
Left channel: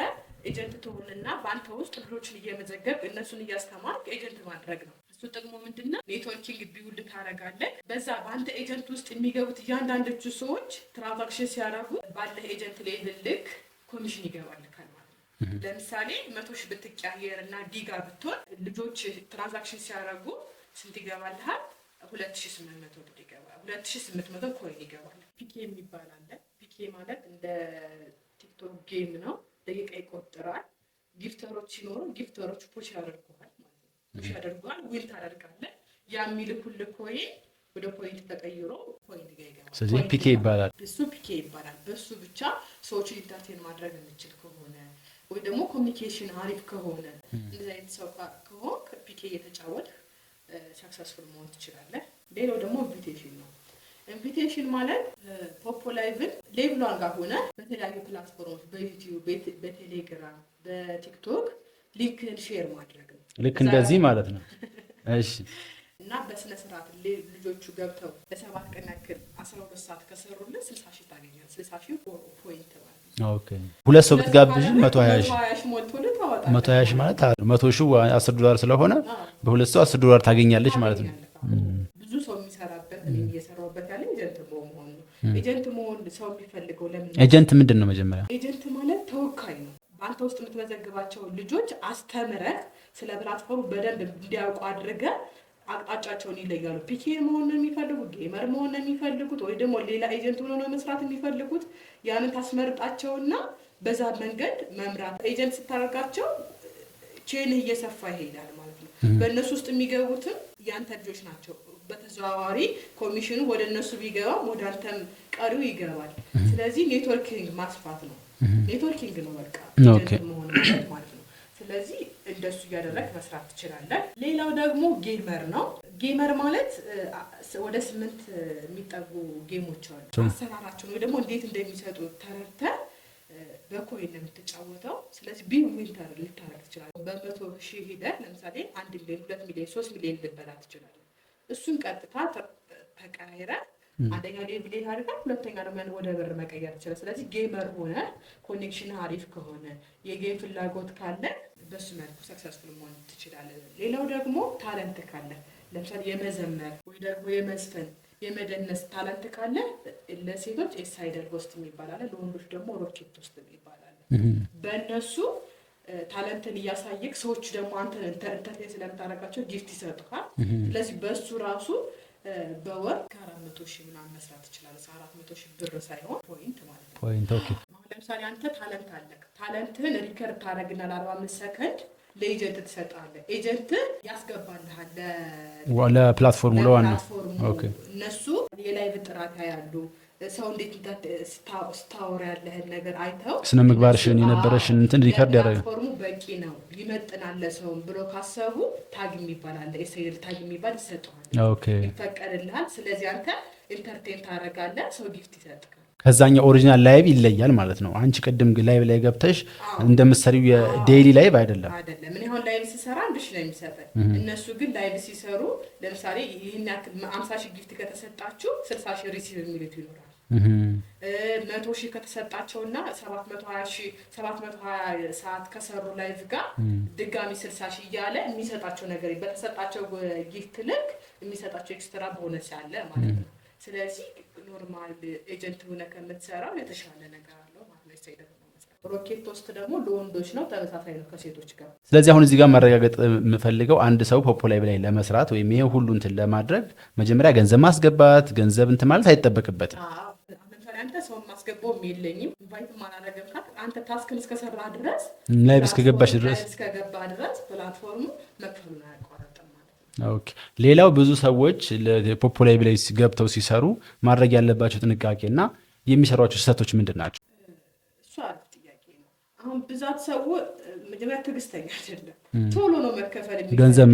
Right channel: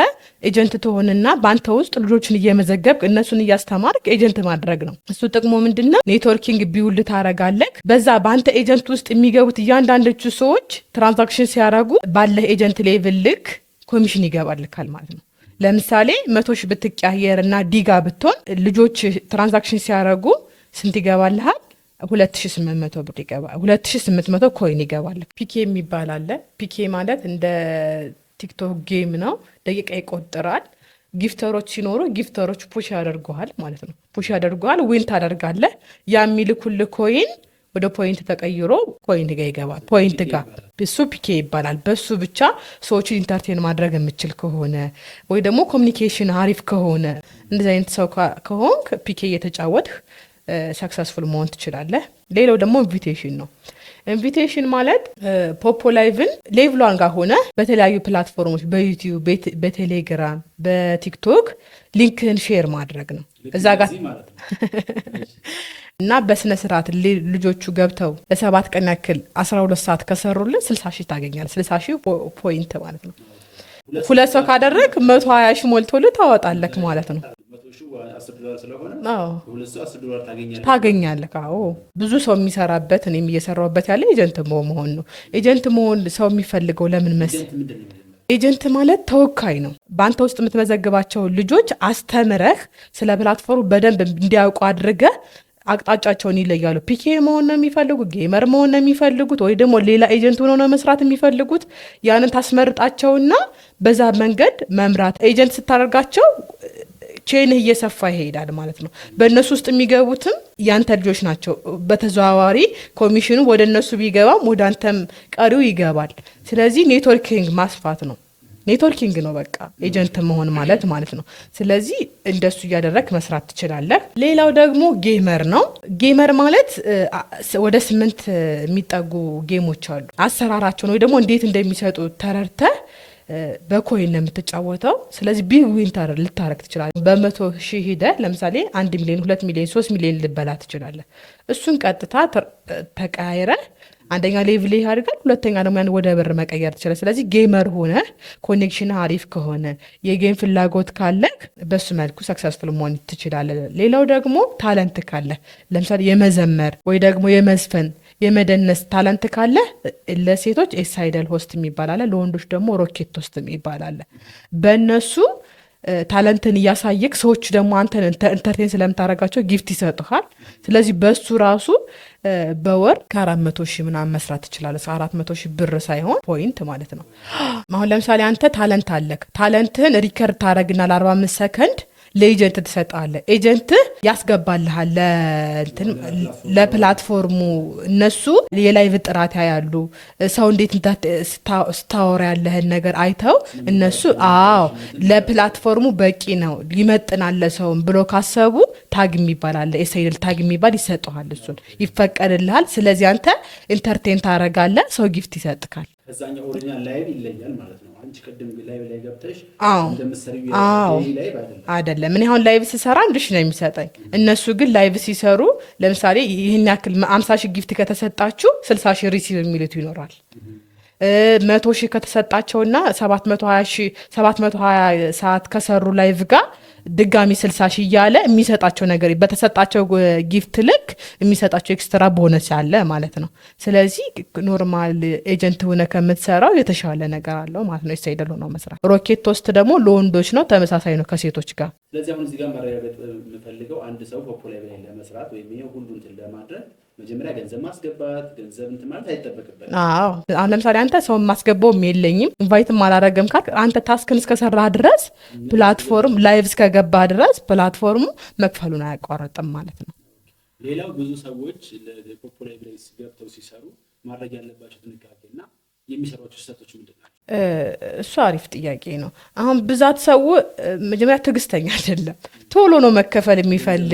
ኤጀንት ትሆንና በአንተ ውስጥ ልጆችን እየመዘገብክ እነሱን እያስተማርክ ኤጀንት ማድረግ ነው። እሱ ጥቅሙ ምንድነው? ኔትወርኪንግ ቢውል ታረጋለህ። በዛ በአንተ ኤጀንት ውስጥ የሚገቡት እያንዳንዶቹ ሰዎች ትራንዛክሽን ሲያደርጉ ባለህ ኤጀንት ሌቭል ልክ ኮሚሽን ይገባልካል ማለት ነው። ለምሳሌ 100 ሺህ ብትቀያየር እና ዲጋ ብትሆን ልጆች ትራንዛክሽን ሲያደርጉ ስንት ይገባልሃል? 2800 ብር ይገባል። 2800 ኮይን ይገባል። ፒኬ የሚባል አለ። ፒኬ ማለት እንደ ቲክቶክ ጌም ነው። ደቂቃ ይቆጥራል። ጊፍተሮች ሲኖሩ ጊፍተሮች ፑሽ ያደርገዋል ማለት ነው። ፑሽ ያደርገዋል፣ ዊን ታደርጋለህ። ያ የሚልኩልህ ኮይን ወደ ፖይንት ተቀይሮ ፖይንት ጋር ይገባል። ፖይንት ጋር እሱ ፒኬ ይባላል። በሱ ብቻ ሰዎችን ኢንተርቴን ማድረግ የምችል ከሆነ ወይ ደግሞ ኮሚኒኬሽን አሪፍ ከሆነ እንደዚህ አይነት ሰው ከሆንክ ፒኬ እየተጫወትህ ሰክሰስፉል መሆን ትችላለህ። ሌላው ደግሞ ኢንቪቴሽን ነው። ኢንቪቴሽን ማለት ፖፖ ላይቭን ሌቭሏን ጋር ሆነ በተለያዩ ፕላትፎርሞች በዩቲዩብ፣ በቴሌግራም፣ በቲክቶክ ሊንክን ሼር ማድረግ ነው። እዛ ጋር ማለት ነው። እሺ እና በስነ ስርዓት ልጆቹ ገብተው ለ7 ቀን ያክል 12 ሰዓት ከሰሩልን 60 ሺህ ታገኛለህ። 60 ሺህ ፖይንት ማለት ነው። ሁለት ሰው ካደረግ 120 ሺህ ሞልቶልህ ታወጣለህ ማለት ነው። 100 ሺህ $10 ስለሆነ በሁለት ሰው $10 ታገኛለህ። አዎ ብዙ ሰው የሚሰራበት እኔም እየሰራሁበት ያለ ኤጀንት መሆን ነው። ኤጀንት መሆን ሰው የሚፈልገው ለምን መሰለህ? ኤጀንት ምንድን ነው? መጀመሪያ ኤጀንት ማለት ተወካይ ነው። በአንተ ውስጥ የምትመዘግባቸው ልጆች አስተምረህ ስለ ፕላትፎርሙ በደንብ እንዲያውቁ አድርገህ አቅጣጫቸውን ይለያሉ። ፒኬ መሆን ነው የሚፈልጉት፣ ጌመር መሆን ነው የሚፈልጉት፣ ወይ ደግሞ ሌላ ኤጀንት ሆኖ ነው መስራት የሚፈልጉት። ያንን ታስመርጣቸውና በዛ መንገድ መምራት። ኤጀንት ስታደርጋቸው ቼንህ እየሰፋ ይሄዳል ማለት ነው። በእነሱ ውስጥ የሚገቡትም ያንተ ልጆች ናቸው። በተዘዋዋሪ ኮሚሽኑ ወደ እነሱ ቢገባም ወደ አንተም ቀሪው ይገባል። ስለዚህ ኔትወርኪንግ ማስፋት ነው። ኔትወርኪንግ ነው በቃ ኤጀንት መሆን ማለት ነው። ስለዚህ እንደሱ እያደረግ መስራት ትችላለህ። ሌላው ደግሞ ጌመር ነው። ጌመር ማለት ወደ 8 የሚጠጉ ጌሞች አሉ። አሰራራቸውን ወይ ደግሞ እንዴት እንደሚሰጡ ተረድተህ በኮይን ነው የምትጫወተው። ስለዚህ ቢግ ዊንተር ልታረግ ትችላለህ። በ100 ሺህ ሂደህ ለምሳሌ 1 ሚሊዮን፣ 2 ሚሊዮን፣ 3 ሚሊዮን ልበላ ትችላለህ። እሱን ቀጥታ ተቀያይረህ አንደኛ ሌቭል ያድርጋል፣ ሁለተኛ ደግሞ ያን ወደ ብር መቀየር ትችላል። ስለዚህ ጌመር ሆነ ኮኔክሽን አሪፍ ከሆነ የጌም ፍላጎት ካለ በሱ መልኩ ሰክሰስፉል መሆን ትችላለህ። ሌላው ደግሞ ታለንት ካለ ለምሳሌ የመዘመር ወይ ደግሞ የመዝፈን የመደነስ ታለንት ካለ ለሴቶች ኤሳይደል ሆስት የሚባል አለ፣ ለወንዶች ደግሞ ሮኬት ሆስት የሚባል አለ። በእነሱ ታለንትን እያሳየክ ሰዎች ደግሞ አንተን ኢንተርቴን ስለምታደርጋቸው ጊፍት ይሰጡሃል። ስለዚህ በሱ ራሱ በወር ከ400 ሺህ ምናምን መስራት ትችላለህ። 400 ሺህ ብር ሳይሆን ፖይንት ማለት ነው። አሁን ለምሳሌ አንተ ታለንት አለክ። ታለንትህን ሪከርድ ታደረግና ለ45 ሰከንድ ለኤጀንት ትሰጣለህ። ኤጀንት ያስገባልሃል ለፕላትፎርሙ። እነሱ የላይቭ ጥራት ያያሉ። ሰው እንዴት ስታወራ ያለህን ነገር አይተው እነሱ ለፕላትፎርሙ በቂ ነው ይመጥናል ለሰውም ብሎ ካሰቡ ታግ የሚባል አለ፣ ኤስኤል ታግ የሚባል ይሰጠዋል፣ ይፈቀድልሃል። ስለዚህ አንተ ኢንተርቴን ታረጋለህ፣ ሰው ጊፍት ይሰጥካል። ከዛኛው ኦሪጂናል ላይቭ ይለያል ማለት ነው። አንቺ ቅድም ላይቭ ላይ ገብተሽ እንደምትሰሪው የዴይሊ ላይቭ አይደለም። እኔ አሁን ላይቭ ስሰራ 1 ሺህ ነው የሚሰጠኝ። እነሱ ግን ላይቭ ሲሰሩ ለምሳሌ ይህን ያክል 50 ሺህ ጊፍት ከተሰጣችሁ 60 ሺህ ሪሲቭ የሚሉት ይኖራል። 100 ሺህ ከተሰጣቸውና 720 ሰዓት ከሰሩ ላይቭ ጋር ድጋሚ 60 ሺህ እያለ የሚሰጣቸው ነገር በተሰጣቸው ጊፍት ልክ የሚሰጣቸው ኤክስትራ ቦነስ ያለ ማለት ነው። ስለዚህ ኖርማል ኤጀንት ሆነ ከምትሰራው የተሻለ ነገር አለው ማለት ነው። ይሳይደል ሆኖ መስራት። ሮኬት ውስጥ ደግሞ ለወንዶች ነው፣ ተመሳሳይ ነው ከሴቶች ጋር። ስለዚህ አሁን እዚህ ጋር ማረጋገጥ የምፈልገው አንድ ሰው ፖፖ ላይቭ ላይ ለመስራት ወይም ይሄ ሁሉ እንትን ለማድረግ መጀመሪያ ገንዘብ ማስገባት ገንዘብ እንትን ማለት አይጠበቅበት። አሁን ለምሳሌ አንተ ሰው ማስገባውም የለኝም ኢንቫይትም አላረገም ካልክ አንተ ታስክን እስከሰራ ድረስ ፕላትፎርም ላይቭ እስከገባ ድረስ ፕላትፎርሙ መክፈሉን አያቋርጥም ማለት ነው። ኦኬ። ሌላው ብዙ ሰዎች ፖፖ ላይቭ ላይ ገብተው ሲሰሩ ማድረግ ያለባቸው ጥንቃቄና የሚሰሯቸው ስህተቶች ምንድን ናቸው? እሱ አሪፍ ጥያቄ ነው። አሁን ብዛት ሰው መጀመሪያ ትዕግስተኛ አይደለም፣ ቶሎ ነው መከፈል የሚፈልግ።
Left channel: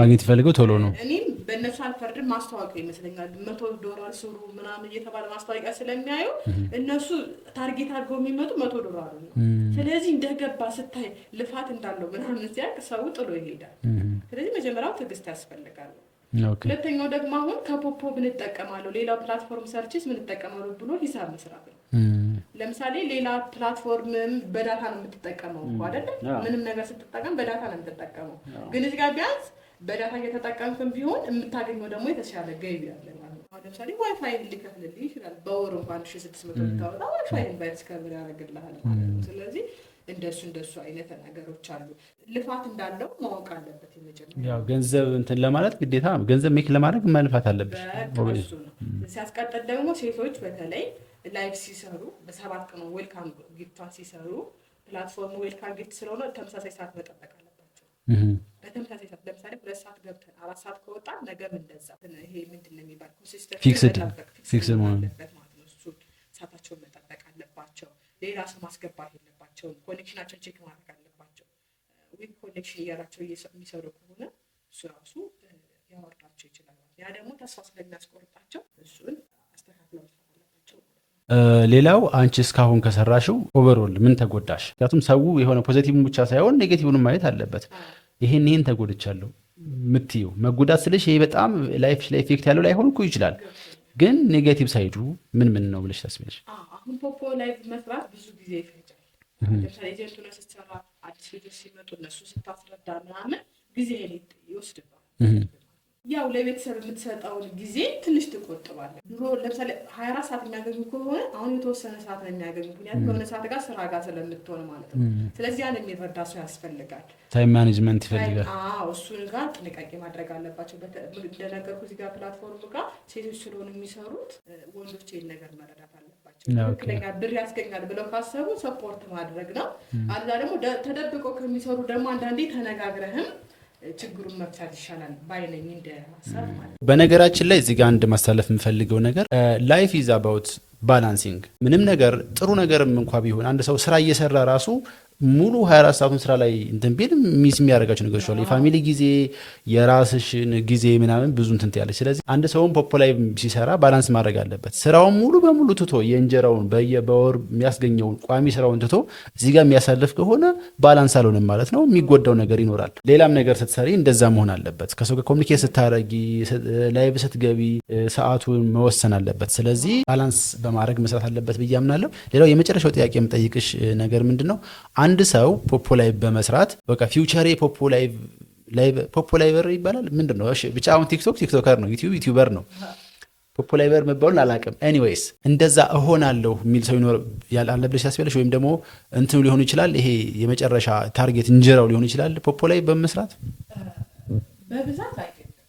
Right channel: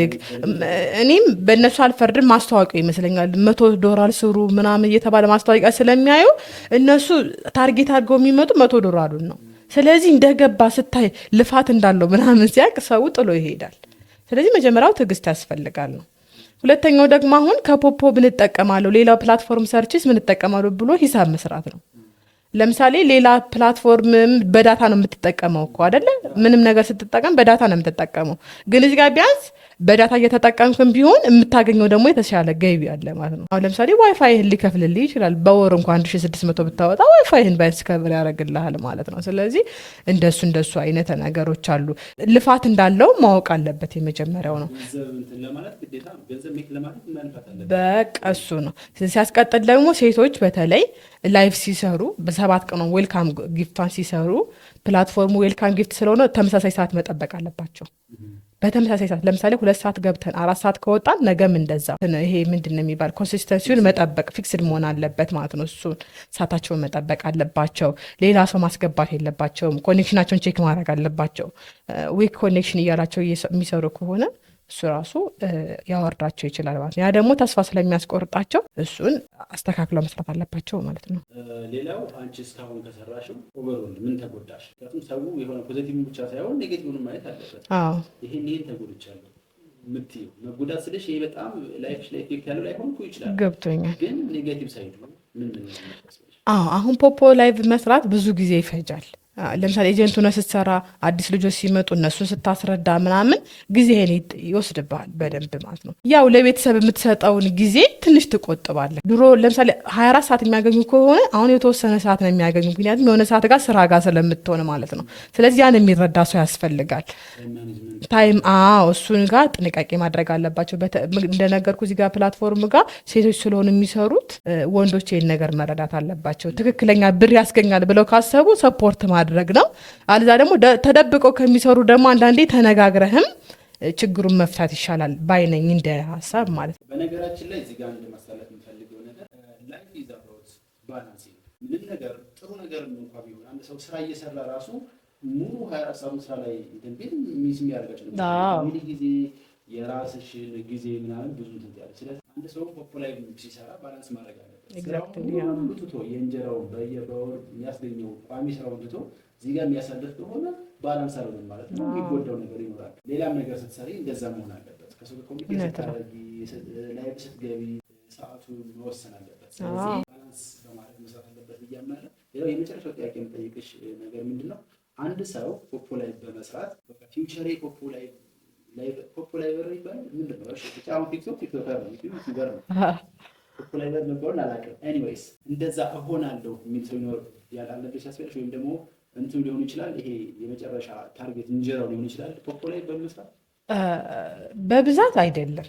እኔም በእነሱ አልፈርድም፣ ማስታወቂያ ይመስለኛል $100 ስሩ ምናምን እየተባለ ማስታወቂያ ስለሚያዩ እነሱ ታርጌት አድርገው የሚመጡ $100 ነው። ስለዚህ እንደገባ ስታይ ልፋት እንዳለው ምናምን ሲያቅ ሰው ጥሎ ይሄዳል። ስለዚህ መጀመሪያው ትዕግስት ያስፈልጋል ነው። ሁለተኛው ደግሞ አሁን ከፖፖ ብንጠቀማለሁ ሌላው ፕላትፎርም ሰርችስ ምንጠቀማለሁ ብሎ ሂሳብ መስራት ነው። ለምሳሌ ሌላ ፕላትፎርም በዳታ ነው የምትጠቀመው እኮ አይደለ? ምንም ነገር ስትጠቀም በዳታ ነው የምትጠቀመው። ግን እዚህ ጋር ቢያንስ በዳታ እየተጠቀምክም ቢሆን የምታገኘው ደግሞ የተሻለ ገቢ አለ ማለት ነው። አሁን ለምሳሌ ዋይፋይህን ሊከፍልልህ ይችላል። በወር እንኳን 1600 ብታወጣ ዋይፋይህን ባይስ ከብር ያደርግልሃል ማለት ነው። ስለዚህ እንደሱ አይነት ነገሮች አሉ። ልፋት እንዳለው ማወቅ አለበት። የመጀመሪያው ነው ገንዘብ እንትን ለማለት ግዴታ ገንዘብ ሜክ ለማድረግ መልፋት አለበት። በቃ እሱ ነው። ሲያስቀጥል ደግሞ ሴቶች በተለይ ላይቭ ሲሰሩ በ7 ቀን ዌልካም ጊፍቷን ሲሰሩ ፕላትፎርሙ ዌልካም ጊፍት ስለሆነ ተመሳሳይ ሰዓት መጠበቅ አለባቸው። በተመሳሳይ ሰዓት ለምሳሌ 2 ሰዓት ገብተን 4 ሰዓት ከወጣን ነገም እንደዛ። ይሄ ምንድነው የሚባል ኮንሲስተንሲውን መጠበቅ ፊክስድ መሆን አለበት ማለት ነው። እሱን ሰዓታቸውን መጠበቅ አለባቸው። ሌላ ሰው ማስገባት የለባቸውም። ኮኔክሽናቸውን ቼክ ማድረግ አለባቸው። ዊክ ኮኔክሽን እያላቸው የሚሰሩ ከሆነ እሱ ራሱ ያወርዳቸው ይችላል ማለት ነው። ያ ደግሞ ተስፋ ስለሚያስቆርጣቸው እሱን አስተካክለው መስራት አለባቸው ማለት ነው። ሌላው አንቺ እስካሁን ከሰራሽው ኦቨርኦል ምን ተጎዳሽ? ምክንያቱም ሰው የሆነ ፖዚቲቭን ብቻ ሳይሆን ኔጌቲቭን ማየት አለበት። ይሄን ተጎድቻለሁ ምትዩ መጎዳት ስልሽ ይሄ በጣም ላይፍ ላይ ኢፌክት ያለው ላይሆን እኮ ይችላል። ግን ኔጌቲቭ ሳይዱ ምን ነው ብለሽ ታስቢያለሽ? አሁን ፖፖ ላይቭ መስራት ብዙ ጊዜ ይፈጃል። ለምሳሌ ኤጀንቱ ነው ስትሰራ አዲስ ልጆች ሲመጡ እነሱን ስታስረዳ ምናምን ጊዜህን ይወስድብሃል በደንብ ማለት ነው። ያው ለቤተሰብ የምትሰጠውን ጊዜ ትንሽ ትቆጥባለህ። ድሮ ለምሳሌ 24 ሰዓት የሚያገኙ ከሆነ አሁን የተወሰነ ሰዓት ነው የሚያገኙ፣ ምክንያቱም የሆነ ሰዓት ጋር ስራ ጋር ስለምትሆን ማለት ነው። ስለዚህ ያን የሚረዳ ሰው ያስፈልጋል። ታይም ማኔጅመንት እሱን ጋር ጥንቃቄ ማድረግ አለባቸው። እንደነገርኩ እዚህ ጋር ፕላትፎርም ጋር ሴቶች ስለሆኑ የሚሰሩት ወንዶች ይህን ነገር መረዳት አለባቸው። ትክክለኛ ብር ያስገኛል ብለው ካሰቡ ሰፖርት ማድረግ ነው። አለዛ ደግሞ ተደብቀው ከሚሰሩ ደግሞ አንዳንዴ ተነጋግረህም ችግሩን መፍታት ይሻላል ባይነኝ እንደ ሀሳብ ማለት ነው። በነገራችን ላይ እዚህ ጋር አንድ ማስተላለፍ የምፈልገው ነገር ላይፍ ኢዝ አባውት ባላንሲንግ። ምንም ነገር ጥሩ ነገርም እንኳ ቢሆን አንድ ሰው ስራ እየሰራ ራሱ ሙሉ 24 ሰዓቱን ስራ ላይ እንትን ቢል ሚስ የሚያደርጋቸው ነገሮች አሉ። የፋሚሊ ጊዜ፣ የራስሽን ጊዜ ምናምን ብዙ እንትን ያለች። ስለዚህ አንድ ሰውን ፖፖ ላይ ሲሰራ ባላንስ ማድረግ አለበት። ስራውን ሙሉ በሙሉ ትቶ የእንጀራውን በወር የሚያስገኘውን ቋሚ ስራውን ትቶ እዚህ ጋር የሚያሳልፍ ከሆነ ባላንስ አልሆነም ማለት ነው። የሚጎዳው ነገር ይኖራል። ሌላም ነገር ስትሰሪ እንደዛ መሆን አለበት። ከሰው ጋር ኮሚኒኬት ስታረጊ፣ ላይቭ ስትገቢ ሰዓቱን መወሰን አለበት። ስለዚህ ባላንስ በማድረግ መስራት አለበት ብዬ አምናለሁ። ሌላው የመጨረሻው ጥያቄ የምጠይቅሽ ነገር ምንድን ነው? አንድ ሰው ፖፖ ላይቭ በመስራት በቃ ፊውቸሬ ፖፖ ላይቨር ይባላል ምንድን ነው? እሺ ብቻ አሁን ቲክቶከር ነው፣ ዩቲዩበር ነው። ፖፖ ላይቨር መባሉን አላውቅም። ኤኒዌይስ እንደዛ እሆናለሁ የሚል ሰው ይኖር ያለብሽ ያስፈልሽ፣ ወይም ደግሞ እንትኑ ሊሆን ይችላል። ይሄ የመጨረሻ ታርጌት እንጀራው ሊሆን ይችላል። ፖፖ ላይቭ በመስራት በብዛት አይደለም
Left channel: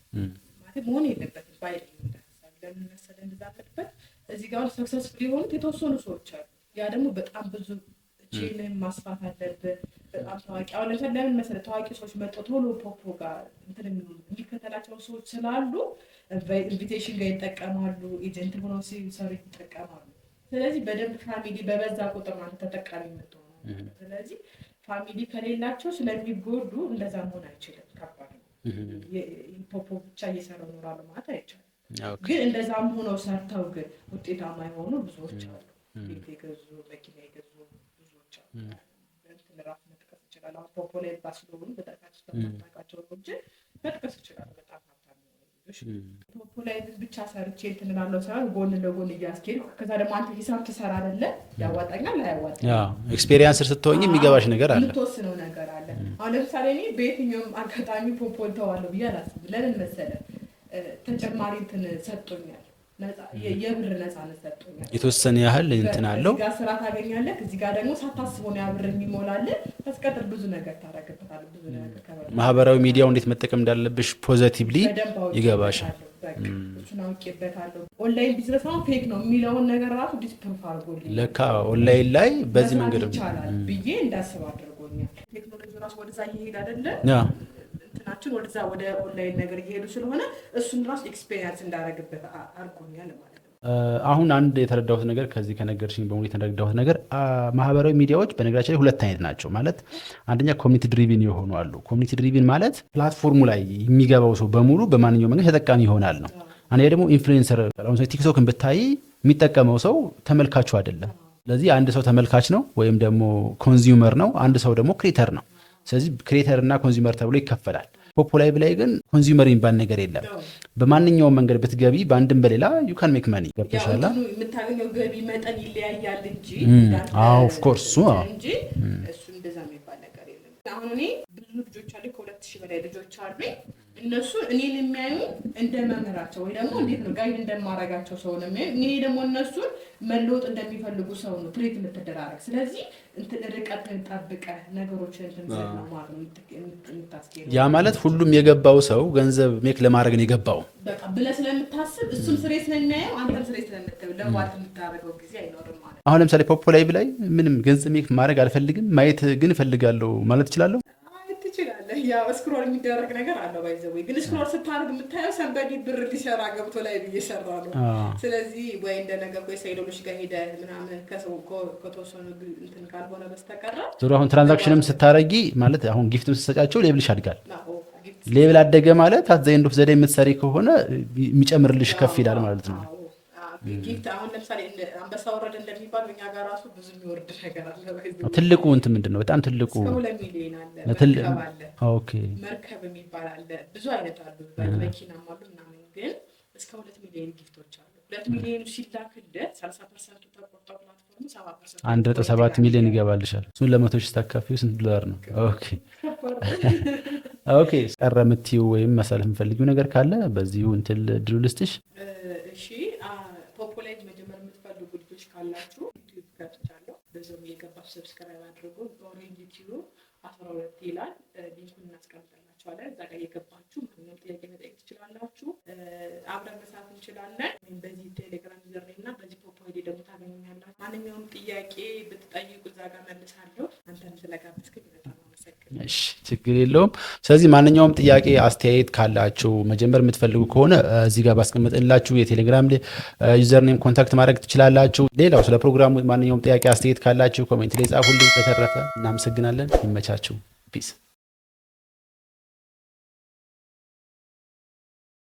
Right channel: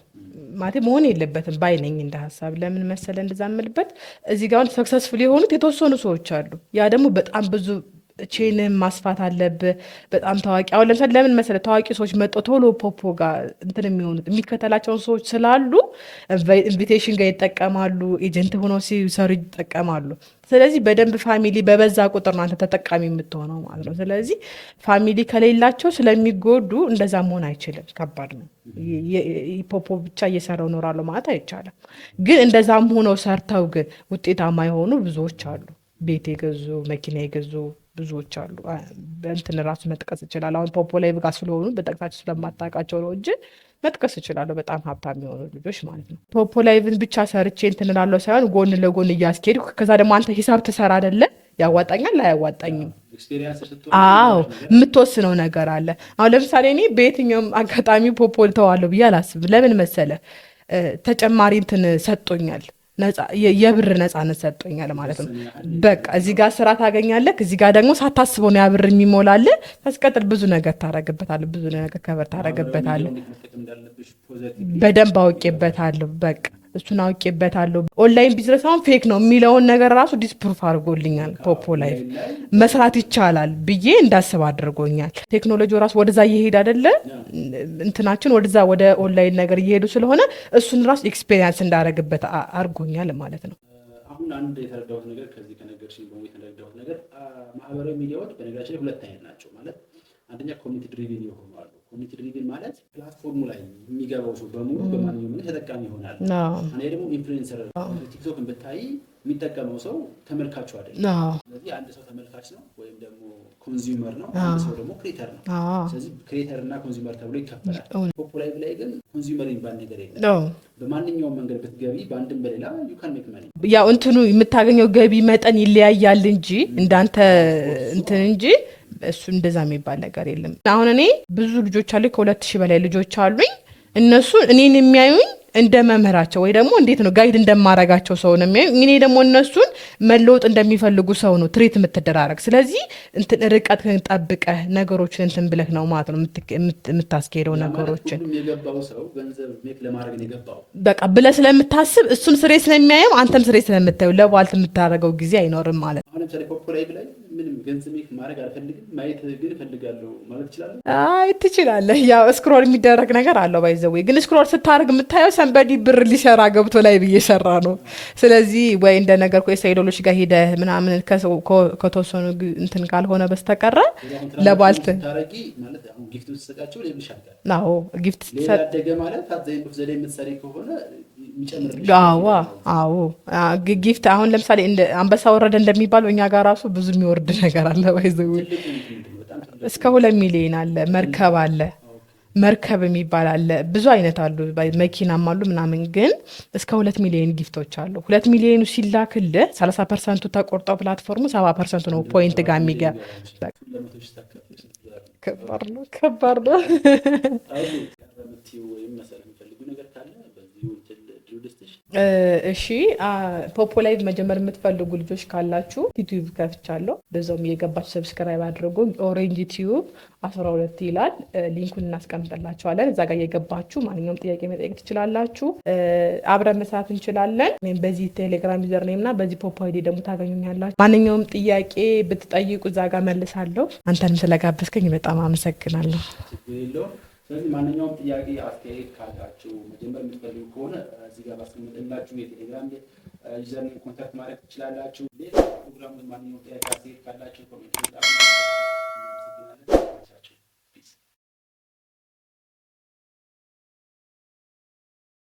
ማለት መሆን የለበትም ባይነኝ እንደ ሀሳብ። ለምን መሰለ እንደዛ የምልበት እዚህ ጋር ሰክሰስፉል የሆኑት የተወሰኑ ሰዎች አሉ። ያ ደግሞ በጣም ብዙ ቼንን ማስፋት አለብህ። በጣም ታዋቂ አሁን ለምሳሌ ለምን መሰለህ ታዋቂ ሰዎች መጥተው ቶሎ ፖፖ ጋር እንትን የሚሆኑት የሚከተላቸውን ሰዎች ስላሉ ኢንቪቴሽን ጋር ይጠቀማሉ፣ ኤጀንት ሆነው ሲሰሩ ይጠቀማሉ። ስለዚህ በደንብ ፋሚሊ በበዛ ቁጥር ነው አንተ ተጠቃሚ የምትሆነው ማለት ነው። ስለዚህ ፋሚሊ ከሌላቸው ስለሚጎዱ እንደዛ መሆን አይችልም፣ ከባድ ነው። ፖፖ ብቻ እየሰራው ኖራለሁ ማለት አይቻልም። ግን እንደዛም ሆነው ሰርተው ግን ውጤታማ የሆኑ ብዙዎች አሉ። ቤት የገዙ መኪና የገዙ ብዙዎች አሉ። በእንትን ራሱ መጥቀስ ይችላል። አሁን ፖፖ ላይ ብቃ ስለሆኑ በጠቅሳቸው ስለማታውቃቸው ነው እንጂ መጥቀስ ይችላለሁ። በጣም ሀብታም የሆኑ ልጆች ማለት ነው። ፖፖ ላይቭን ብቻ ሰርቼ እንትን እላለሁ ሳይሆን ጎን ለጎን እያስኬድኩ ከዛ ደግሞ አንተ ሂሳብ ትሰራ አይደለ? ያዋጣኛል ላያዋጣኝም ኤክስፔሪንስ ስትሆን የሚገባሽ ነገር አለ፣ የምትወስነው ነገር አለ። አሁን ለምሳሌ እኔ በየትኛውም አጋጣሚ ፖፖ ልተዋለሁ ብዬ አላስብም። ለምን መሰለ? ተጨማሪ እንትን ሰጥቶኛል፣ የብር ነፃነት ሰጥቶኛል ማለት ነው። በቃ እዚህ ጋር ስራ ታገኛለህ፣ እዚህ ጋር ደግሞ ሳታስበው ነው ያብር የሚሞላልህ። ታስቀጥል ብዙ ነገር ታረግበታለህ፣ ብዙ ነገር ከበር ታረግበታለህ። ማህበራዊ ሚዲያው እንዴት መጠቀም እንዳለብሽ ፖዚቲቭሊ በደንብ አውቄበታለሁ። በቃ እሱን አውቄበታለሁ። ኦንላይን ቢዝነስ አሁን ፌክ ነው የሚለውን ነገር ራሱ ዲስፕሩፍ አድርጎልኛል። ፖፖ ላይ መስራት ይቻላል ብዬ እንዳስብ አድርጎኛል። ቴክኖሎጂ ራሱ ወደዛ እየሄድ አይደለ? እንትናችን ወደዛ ወደ ኦንላይን ነገር እየሄዱ ስለሆነ እሱን ራሱ ኤክስፔሪንስ እንዳረግበት አድርጎ ማለት ነው። አሁን አንድ የተረዳሁት ነገር ከዚህ ከነገርሽኝ በሙሉ የተረዳሁት ነገር ማህበራዊ ሚዲያዎች በነገራችን ላይ ሁለት አይነት ናቸው። ማለት አንደኛ ኮሚኒቲ ድሪቪን የሆኑ አሉ። ኮሚኒቲ ድሪቪን ማለት ፕላትፎርሙ ላይ የሚገባው ሰው በሙሉ በማንኛውም መንገድ ተጠቃሚ ይሆናል ነው። አንዴ ደግሞ ኢንፍሉዌንሰር ቲክቶክን ብታይ የሚጠቀመው ሰው ተመልካቹ አይደለም። ስለዚህ አንድ ሰው ተመልካች ነው ወይም ደግሞ ኮንዚዩመር ነው፣ አንድ ሰው ደግሞ ክሬተር ነው። ስለዚህ ክሬተር እና ኮንዚዩመር ተብሎ ይከፈላል። ፖፖ ላይቭ ላይ ግን ኮንዚዩመር የሚባል ነገር የለም። በማንኛውም መንገድ ብትገቢ በአንድም በሌላ ዩ ካን ሜክ መኒ። ያው እንትኑ የምታገኘው ገቢ መጠን ይለያያል እንጂ እንዳንተ እንትን እንጂ እሱ እንደዛ የሚባል ነገር የለም። አሁን እኔ ብዙ ልጆች አሉኝ፣ ከ2000 በላይ ልጆች አሉኝ። እነሱ እኔን የሚያዩኝ እንደ መምህራቸው ወይ ደግሞ እንዴት ነው ጋይድ እንደማረጋቸው ሰው ነው የሚያዩኝ። እኔ ደግሞ እነሱን መለወጥ እንደሚፈልጉ ሰው ነው ትሪት የምትደራረግ። ስለዚህ እንትን ርቀት ጠብቀህ ነገሮችን እንትን ብለህ ነው ማለት ነው የምታስኬደው። ያ ማለት ሁሉም የገባው ሰው ገንዘብ ሜክ ለማድረግ ነው የገባው በቃ ብለህ ስለምታስብ እሱን ስሬ ስለሚያየው አንተም ስሬ ስለምታየው ለቧልት የምታደርገው ጊዜ አይኖርም ማለት ነው። አሁን ለምሳሌ ፖፖ ላይቭ ላይ ምንም ገንዘብ ሜክ ማድረግ አልፈልግም ማየት ግን እፈልጋለሁ ማለት ትችላለሁ። አይ ትችላለህ። ያው ስክሮል የሚደረግ ነገር አለው ባይዘው ግን ስክሮል ስታደርግ የምታየው ሰንበዲ ብር ሊሰራ ገብቶ ላይ ብየሰራ ነው። ስለዚህ ወይ እንደ ነገር ሳይዶሎች ጋር ሄደህ ምናምን ከተወሰኑ እንትን ካልሆነ በስተቀረ አሁን ትራንዛክሽንም ስታረጊ ማለት አሁን ጊፍትም ስትሰጫቸው ሌብልሽ ያድጋል። አዎ ጊፍት ሌብል አደገ ማለት አዘይንዶ ዘዴ የምትሰሪ ከሆነ የሚጨምርልሽ ከፍ ይላል ማለት ነው። አዎ ጊፍት አሁን ለምሳሌ እንደ አንበሳ ወረደ እንደሚባለው እኛ ጋር ራሱ ብዙ የሚወርድ ነገር አለ። ባይዘው ትልቁ እንትን ምንድነው? በጣም ትልቁ እስከ 2 ሚሊዮን አለ። መርከብ አለ። ኦኬ መርከብ የሚባል አለ። ብዙ አይነት አሉ፣ መኪናም አሉ ምናምን። ግን እስከ 2 ሚሊዮን ጊፍቶች አሉ። 2 ሚሊዮኑ ሲላክልህ 30% ተቆርጠው ፕላትፎርሙ 70% ነው ፖይንት ጋር የሚገባል። እሱን ለ100 ሺህ ታካፊው ስንት ዶላር ነው? ከባድ ነው። ኦኬ ቀረ የምትይው ወይም መሳለፍ የምፈልጊው ነገር ካለ በዚሁ እንትን ድሉ ልስጥሽ። እሺ ፖፖ ላይቭ መጀመር የምትፈልጉ ልጆች ካላችሁ ዩቲዩብ ከፍቻለሁ፣ በዛውም እየገባችሁ ሰብስክራይብ አድርጉ። ኦሬንጅ ቲዩብ 12 ይላል። ሊንኩን እናስቀምጥላችኋለን። እዛ ጋር እየገባችሁ ማንኛውም ጥያቄ መጠየቅ ትችላላችሁ። አብረን መስራት እንችላለን። በዚህ ቴሌግራም ዩዘር ኔም እና በዚህ ፖፖ አይዲ ደግሞ ታገኙኛላችሁ። ማንኛውም ጥያቄ ብትጠይቁ እዛ ጋር መልሳለሁ። አንተንም ስለጋበዝከኝ በጣም አመሰግናለሁ። ችግር የለውም። ስለዚህ ማንኛውም ጥያቄ አስተያየት ካላችሁ መጀመር የምትፈልጉ ከሆነ እዚህ ጋር ባስቀምጥላችሁ የቴሌግራም ዩዘር ኔም ኮንታክት ማድረግ ትችላላችሁ። ሌላው ስለ ፕሮግራሙ ማንኛውም ጥያቄ አስተያየት ካላችሁ ኮሜንት ላይ ጻፉልኝ። በተረፈ እናመሰግናለን። ይመቻችሁ። ፒስ